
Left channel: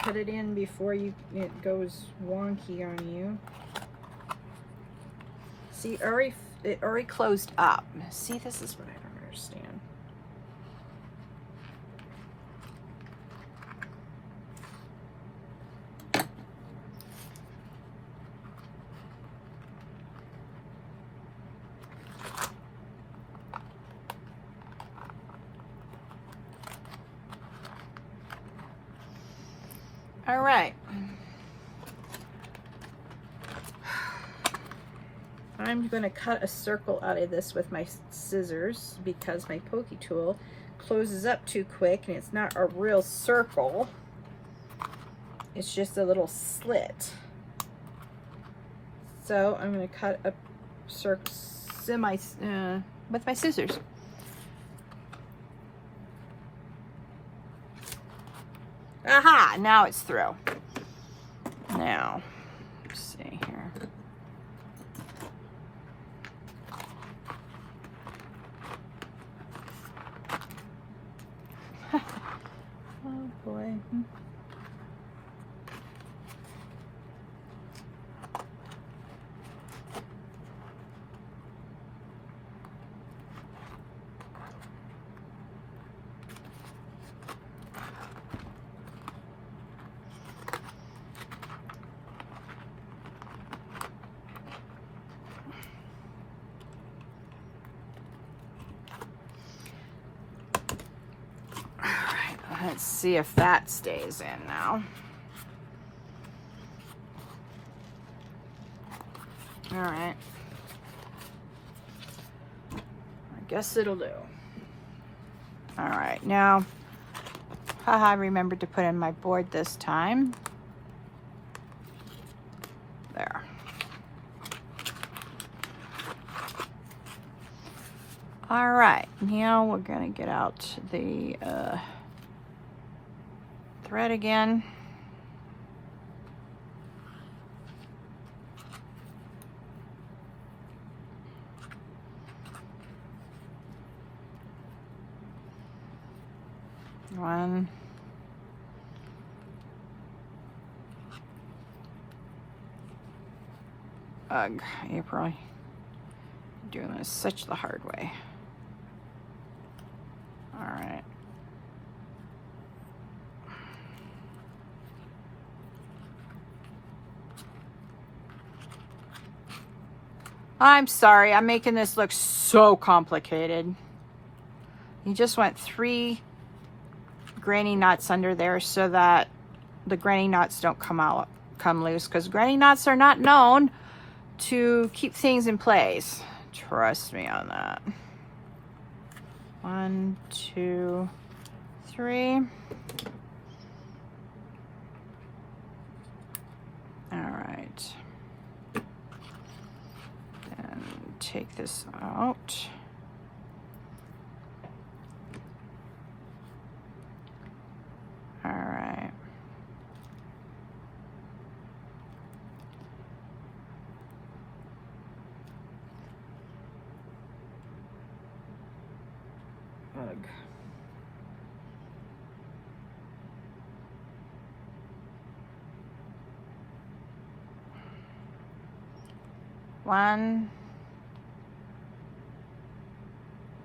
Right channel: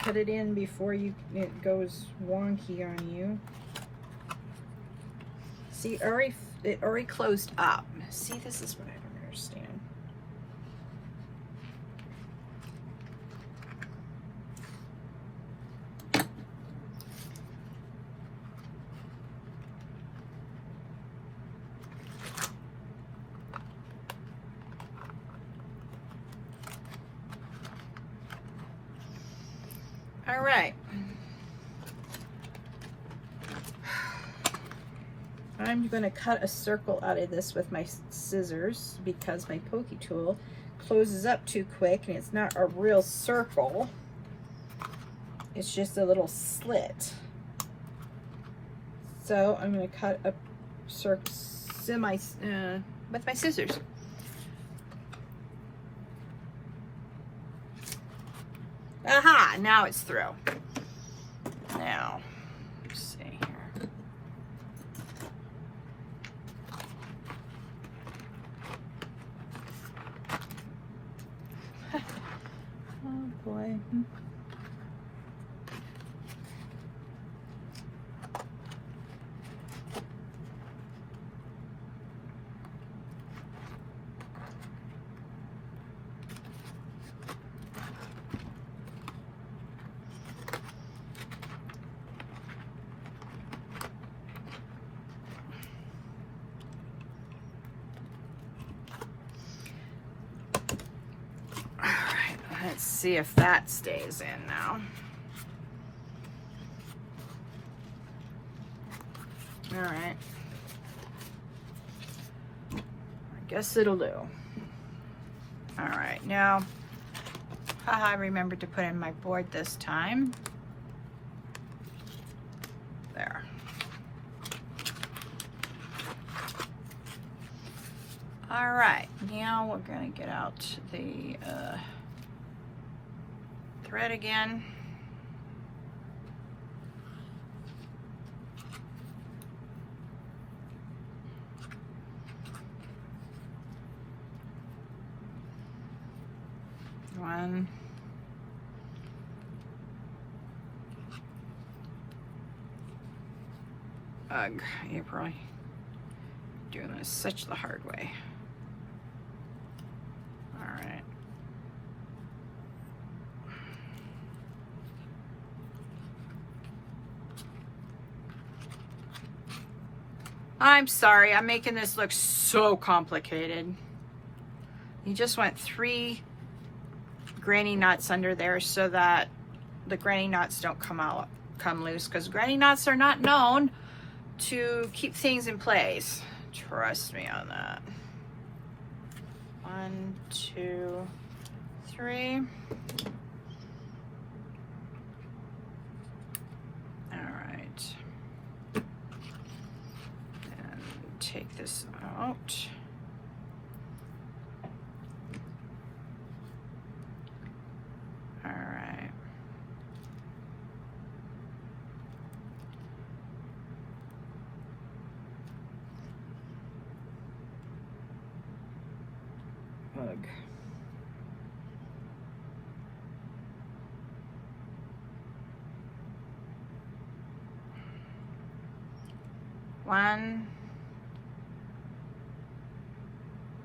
put it in before it goes wonky on you. See, it already closed up. See, this is what I don't understand. All right. I'm going to cut a circle out of this with my scissors because my pokey tool closes up too quick and it's not a real circle. It's just a little slit. So I'm going to cut a circle with my scissors. Aha! Now it's through. Now, let's see here. Oh boy. Let's see if that stays in now. All right. I guess it'll do. All right, now, haha, I remembered to put in my board this time. There. All right, now we're gonna get out the thread again. One. Ugh, April, you're doing this such the hard way. All right. I'm sorry, I'm making this look so complicated. You just want 3 granny knots under there so that the granny knots don't come loose, because granny knots are not known to keep things in place. Trust me on that. 1, 2, 3. All right. And take this out. All right. Ugh. 1,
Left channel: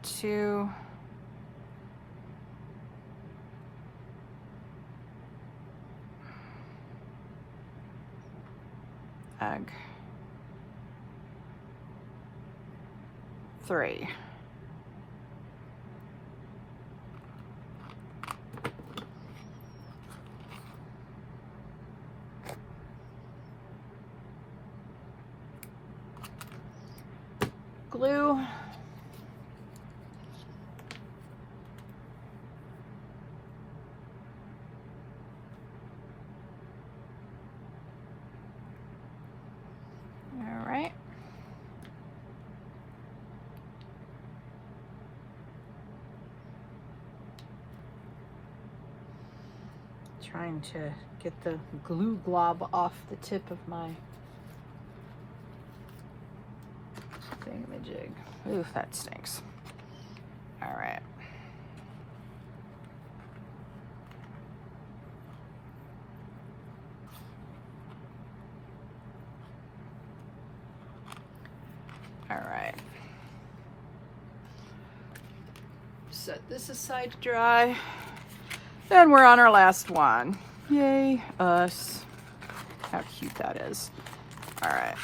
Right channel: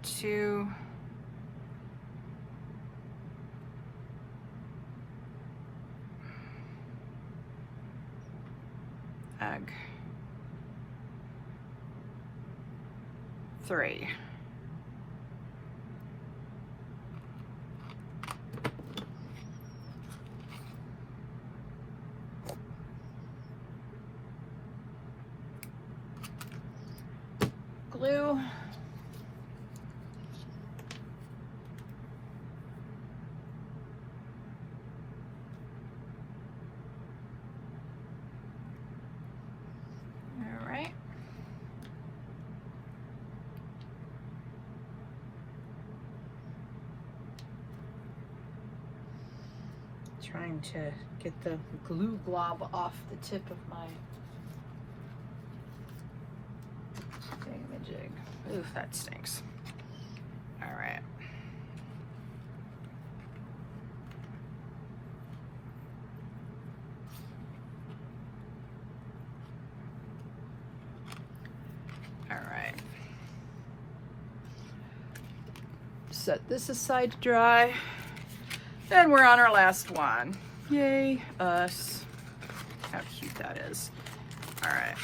2, egg, 3. Glue. All right. Trying to get the glue glob off the tip of my thingamajig. Ooh, that stinks. All right. All right. Set this aside to dry. And we're on our last one. Yay, us. How cute that is. All right.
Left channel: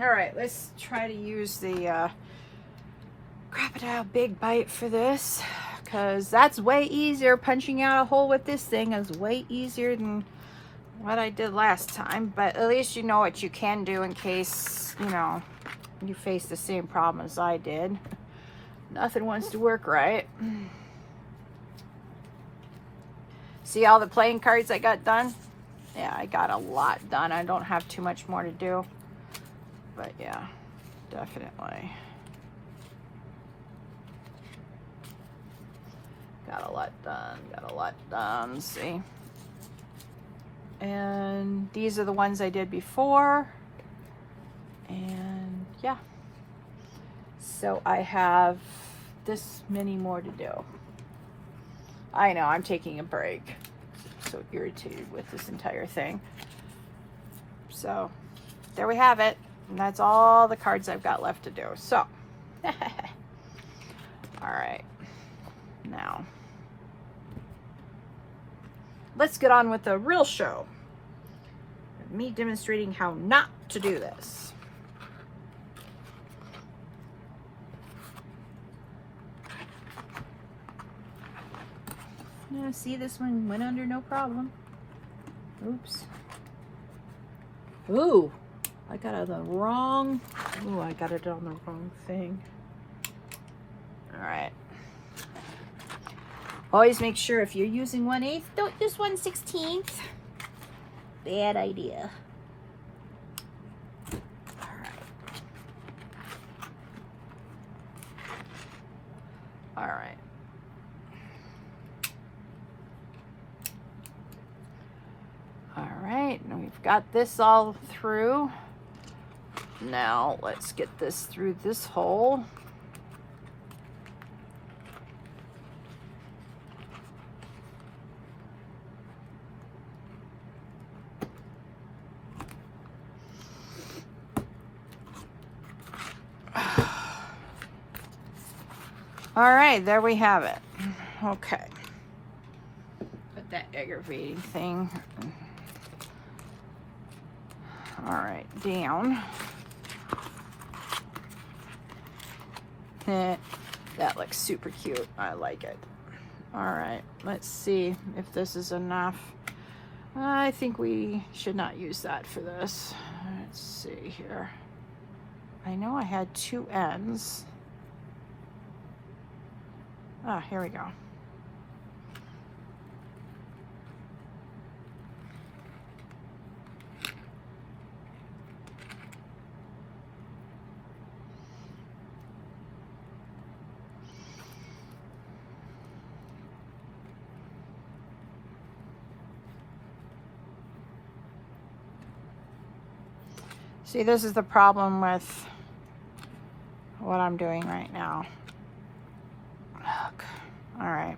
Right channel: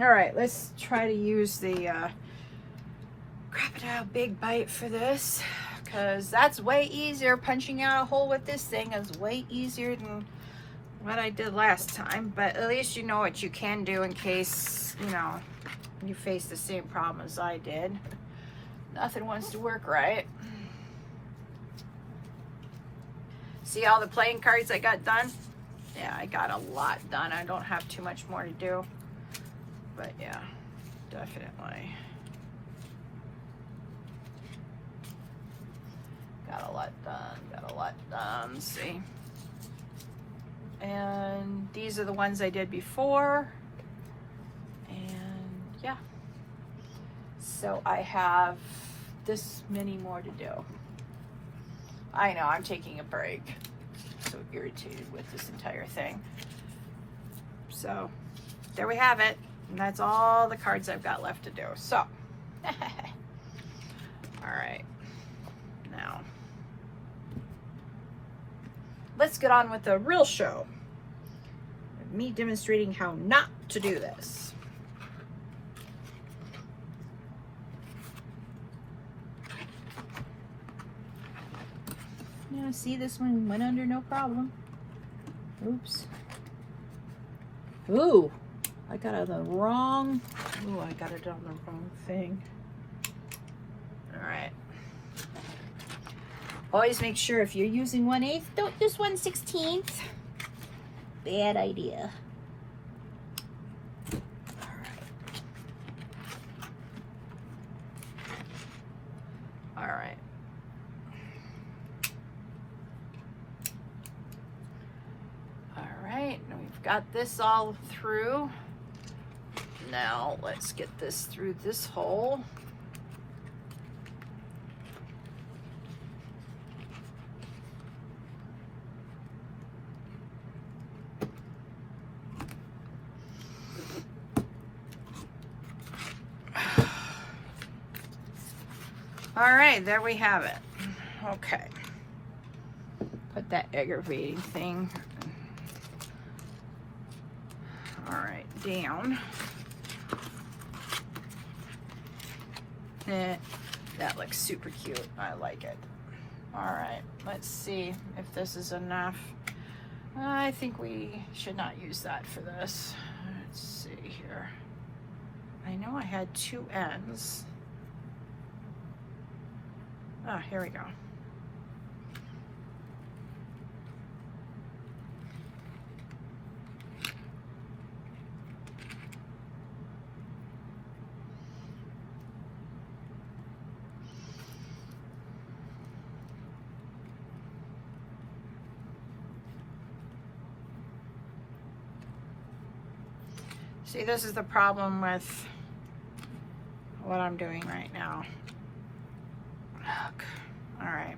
All right, let's try to use the Crocodile Big Bite for this, because that's way easier. Punching out a hole with this thing is way easier than what I did last time, but at least you know what you can do in case, you know, you face the same problem as I did. Nothing wants to work right. See all the playing cards I got done? Yeah, I got a lot done. I don't have too much more to do. But yeah, definitely. Got a lot done, see? And these are the ones I did before. And yeah. So I have this many more to do. I know, I'm taking a break. I'm so irritated with this entire thing. So, there we have it. And that's all the cards I've got left to do. So, all right. Now, let's get on with the real show. Me demonstrating how not to do this. Yeah, see, this one went under no problem. Oops. Ooh. I got it on the wrong, ooh, I got it on the wrong thing. All right. Always make sure if you're using 1/8, don't use 1/16. Bad idea. All right. All right, now we've got this all through. Now let's get this through this hole. All right, there we have it. Okay. Put that aggravating thing, all right, down. That looks super cute. I like it. All right, let's see if this is enough. I think we should not use that for this. Let's see here. I know I had 2 ends. Ah, here we go. See, this is the problem with what I'm doing right now. Ugh. All right.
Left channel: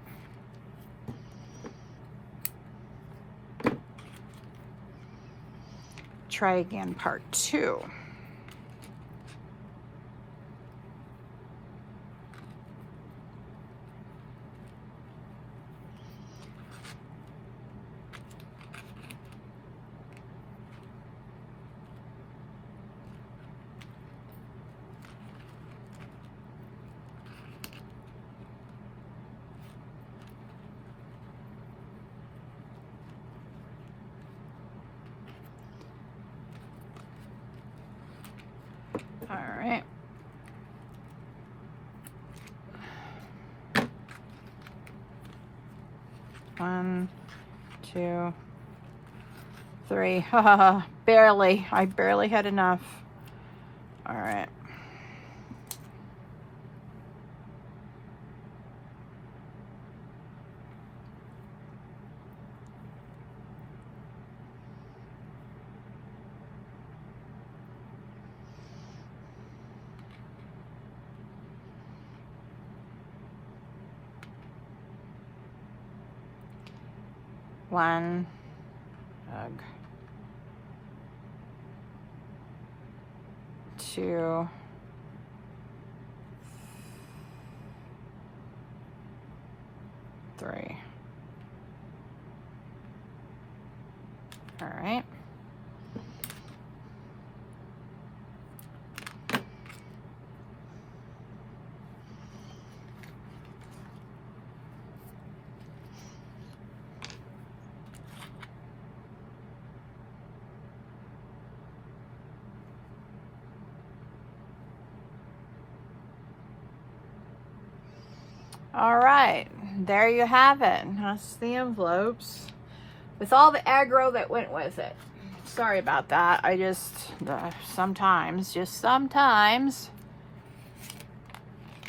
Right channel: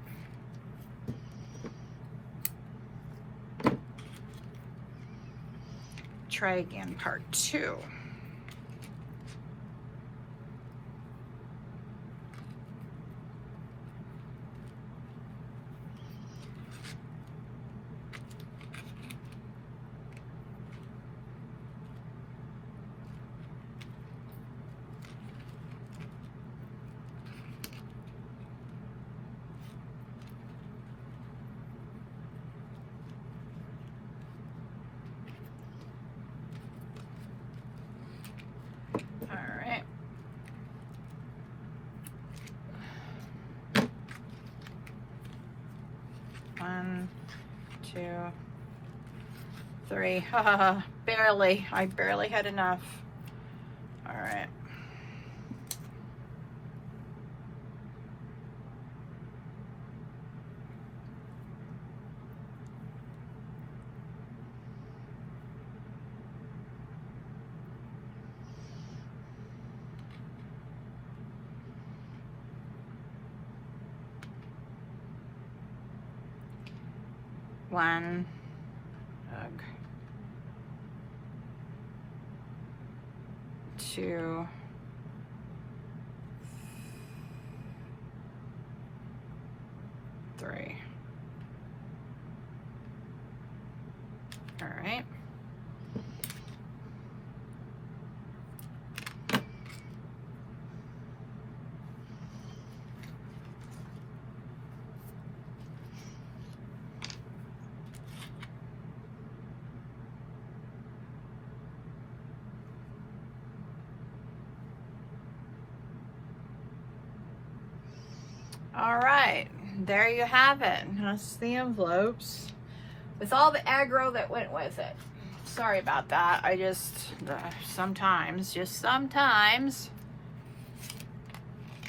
Try again, part 2. All right. One, 2, 3. Barely. I barely had enough. All right. One, ugh. 2, 3. All right. All right, there you have it. That's the envelopes with all the aggro that went with it. Sorry about that. I just, sometimes it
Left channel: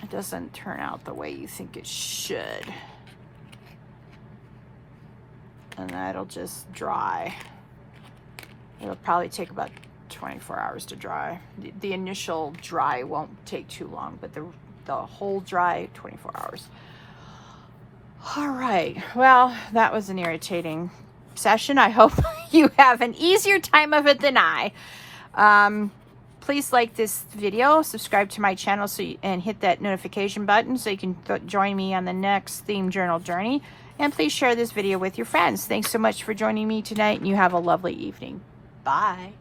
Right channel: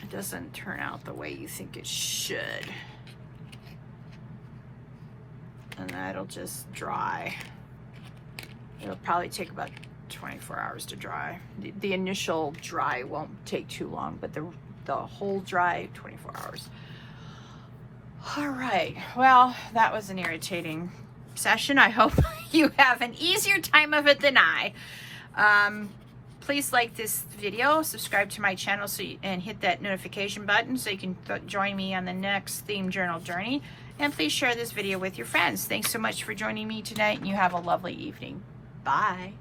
doesn't turn out the way you think it should. And that'll just dry. It'll probably take about 24 hours to dry. The initial dry won't take too long, but the whole dry, 24 hours. All right, well, that was an irritating session. I hope you have an easier time of it than I. Please like this video, subscribe to my channel, and hit that notification button so you can join me on the next theme journal journey. And please share this video with your friends. Thanks so much for joining me tonight, and you have a lovely evening. Bye.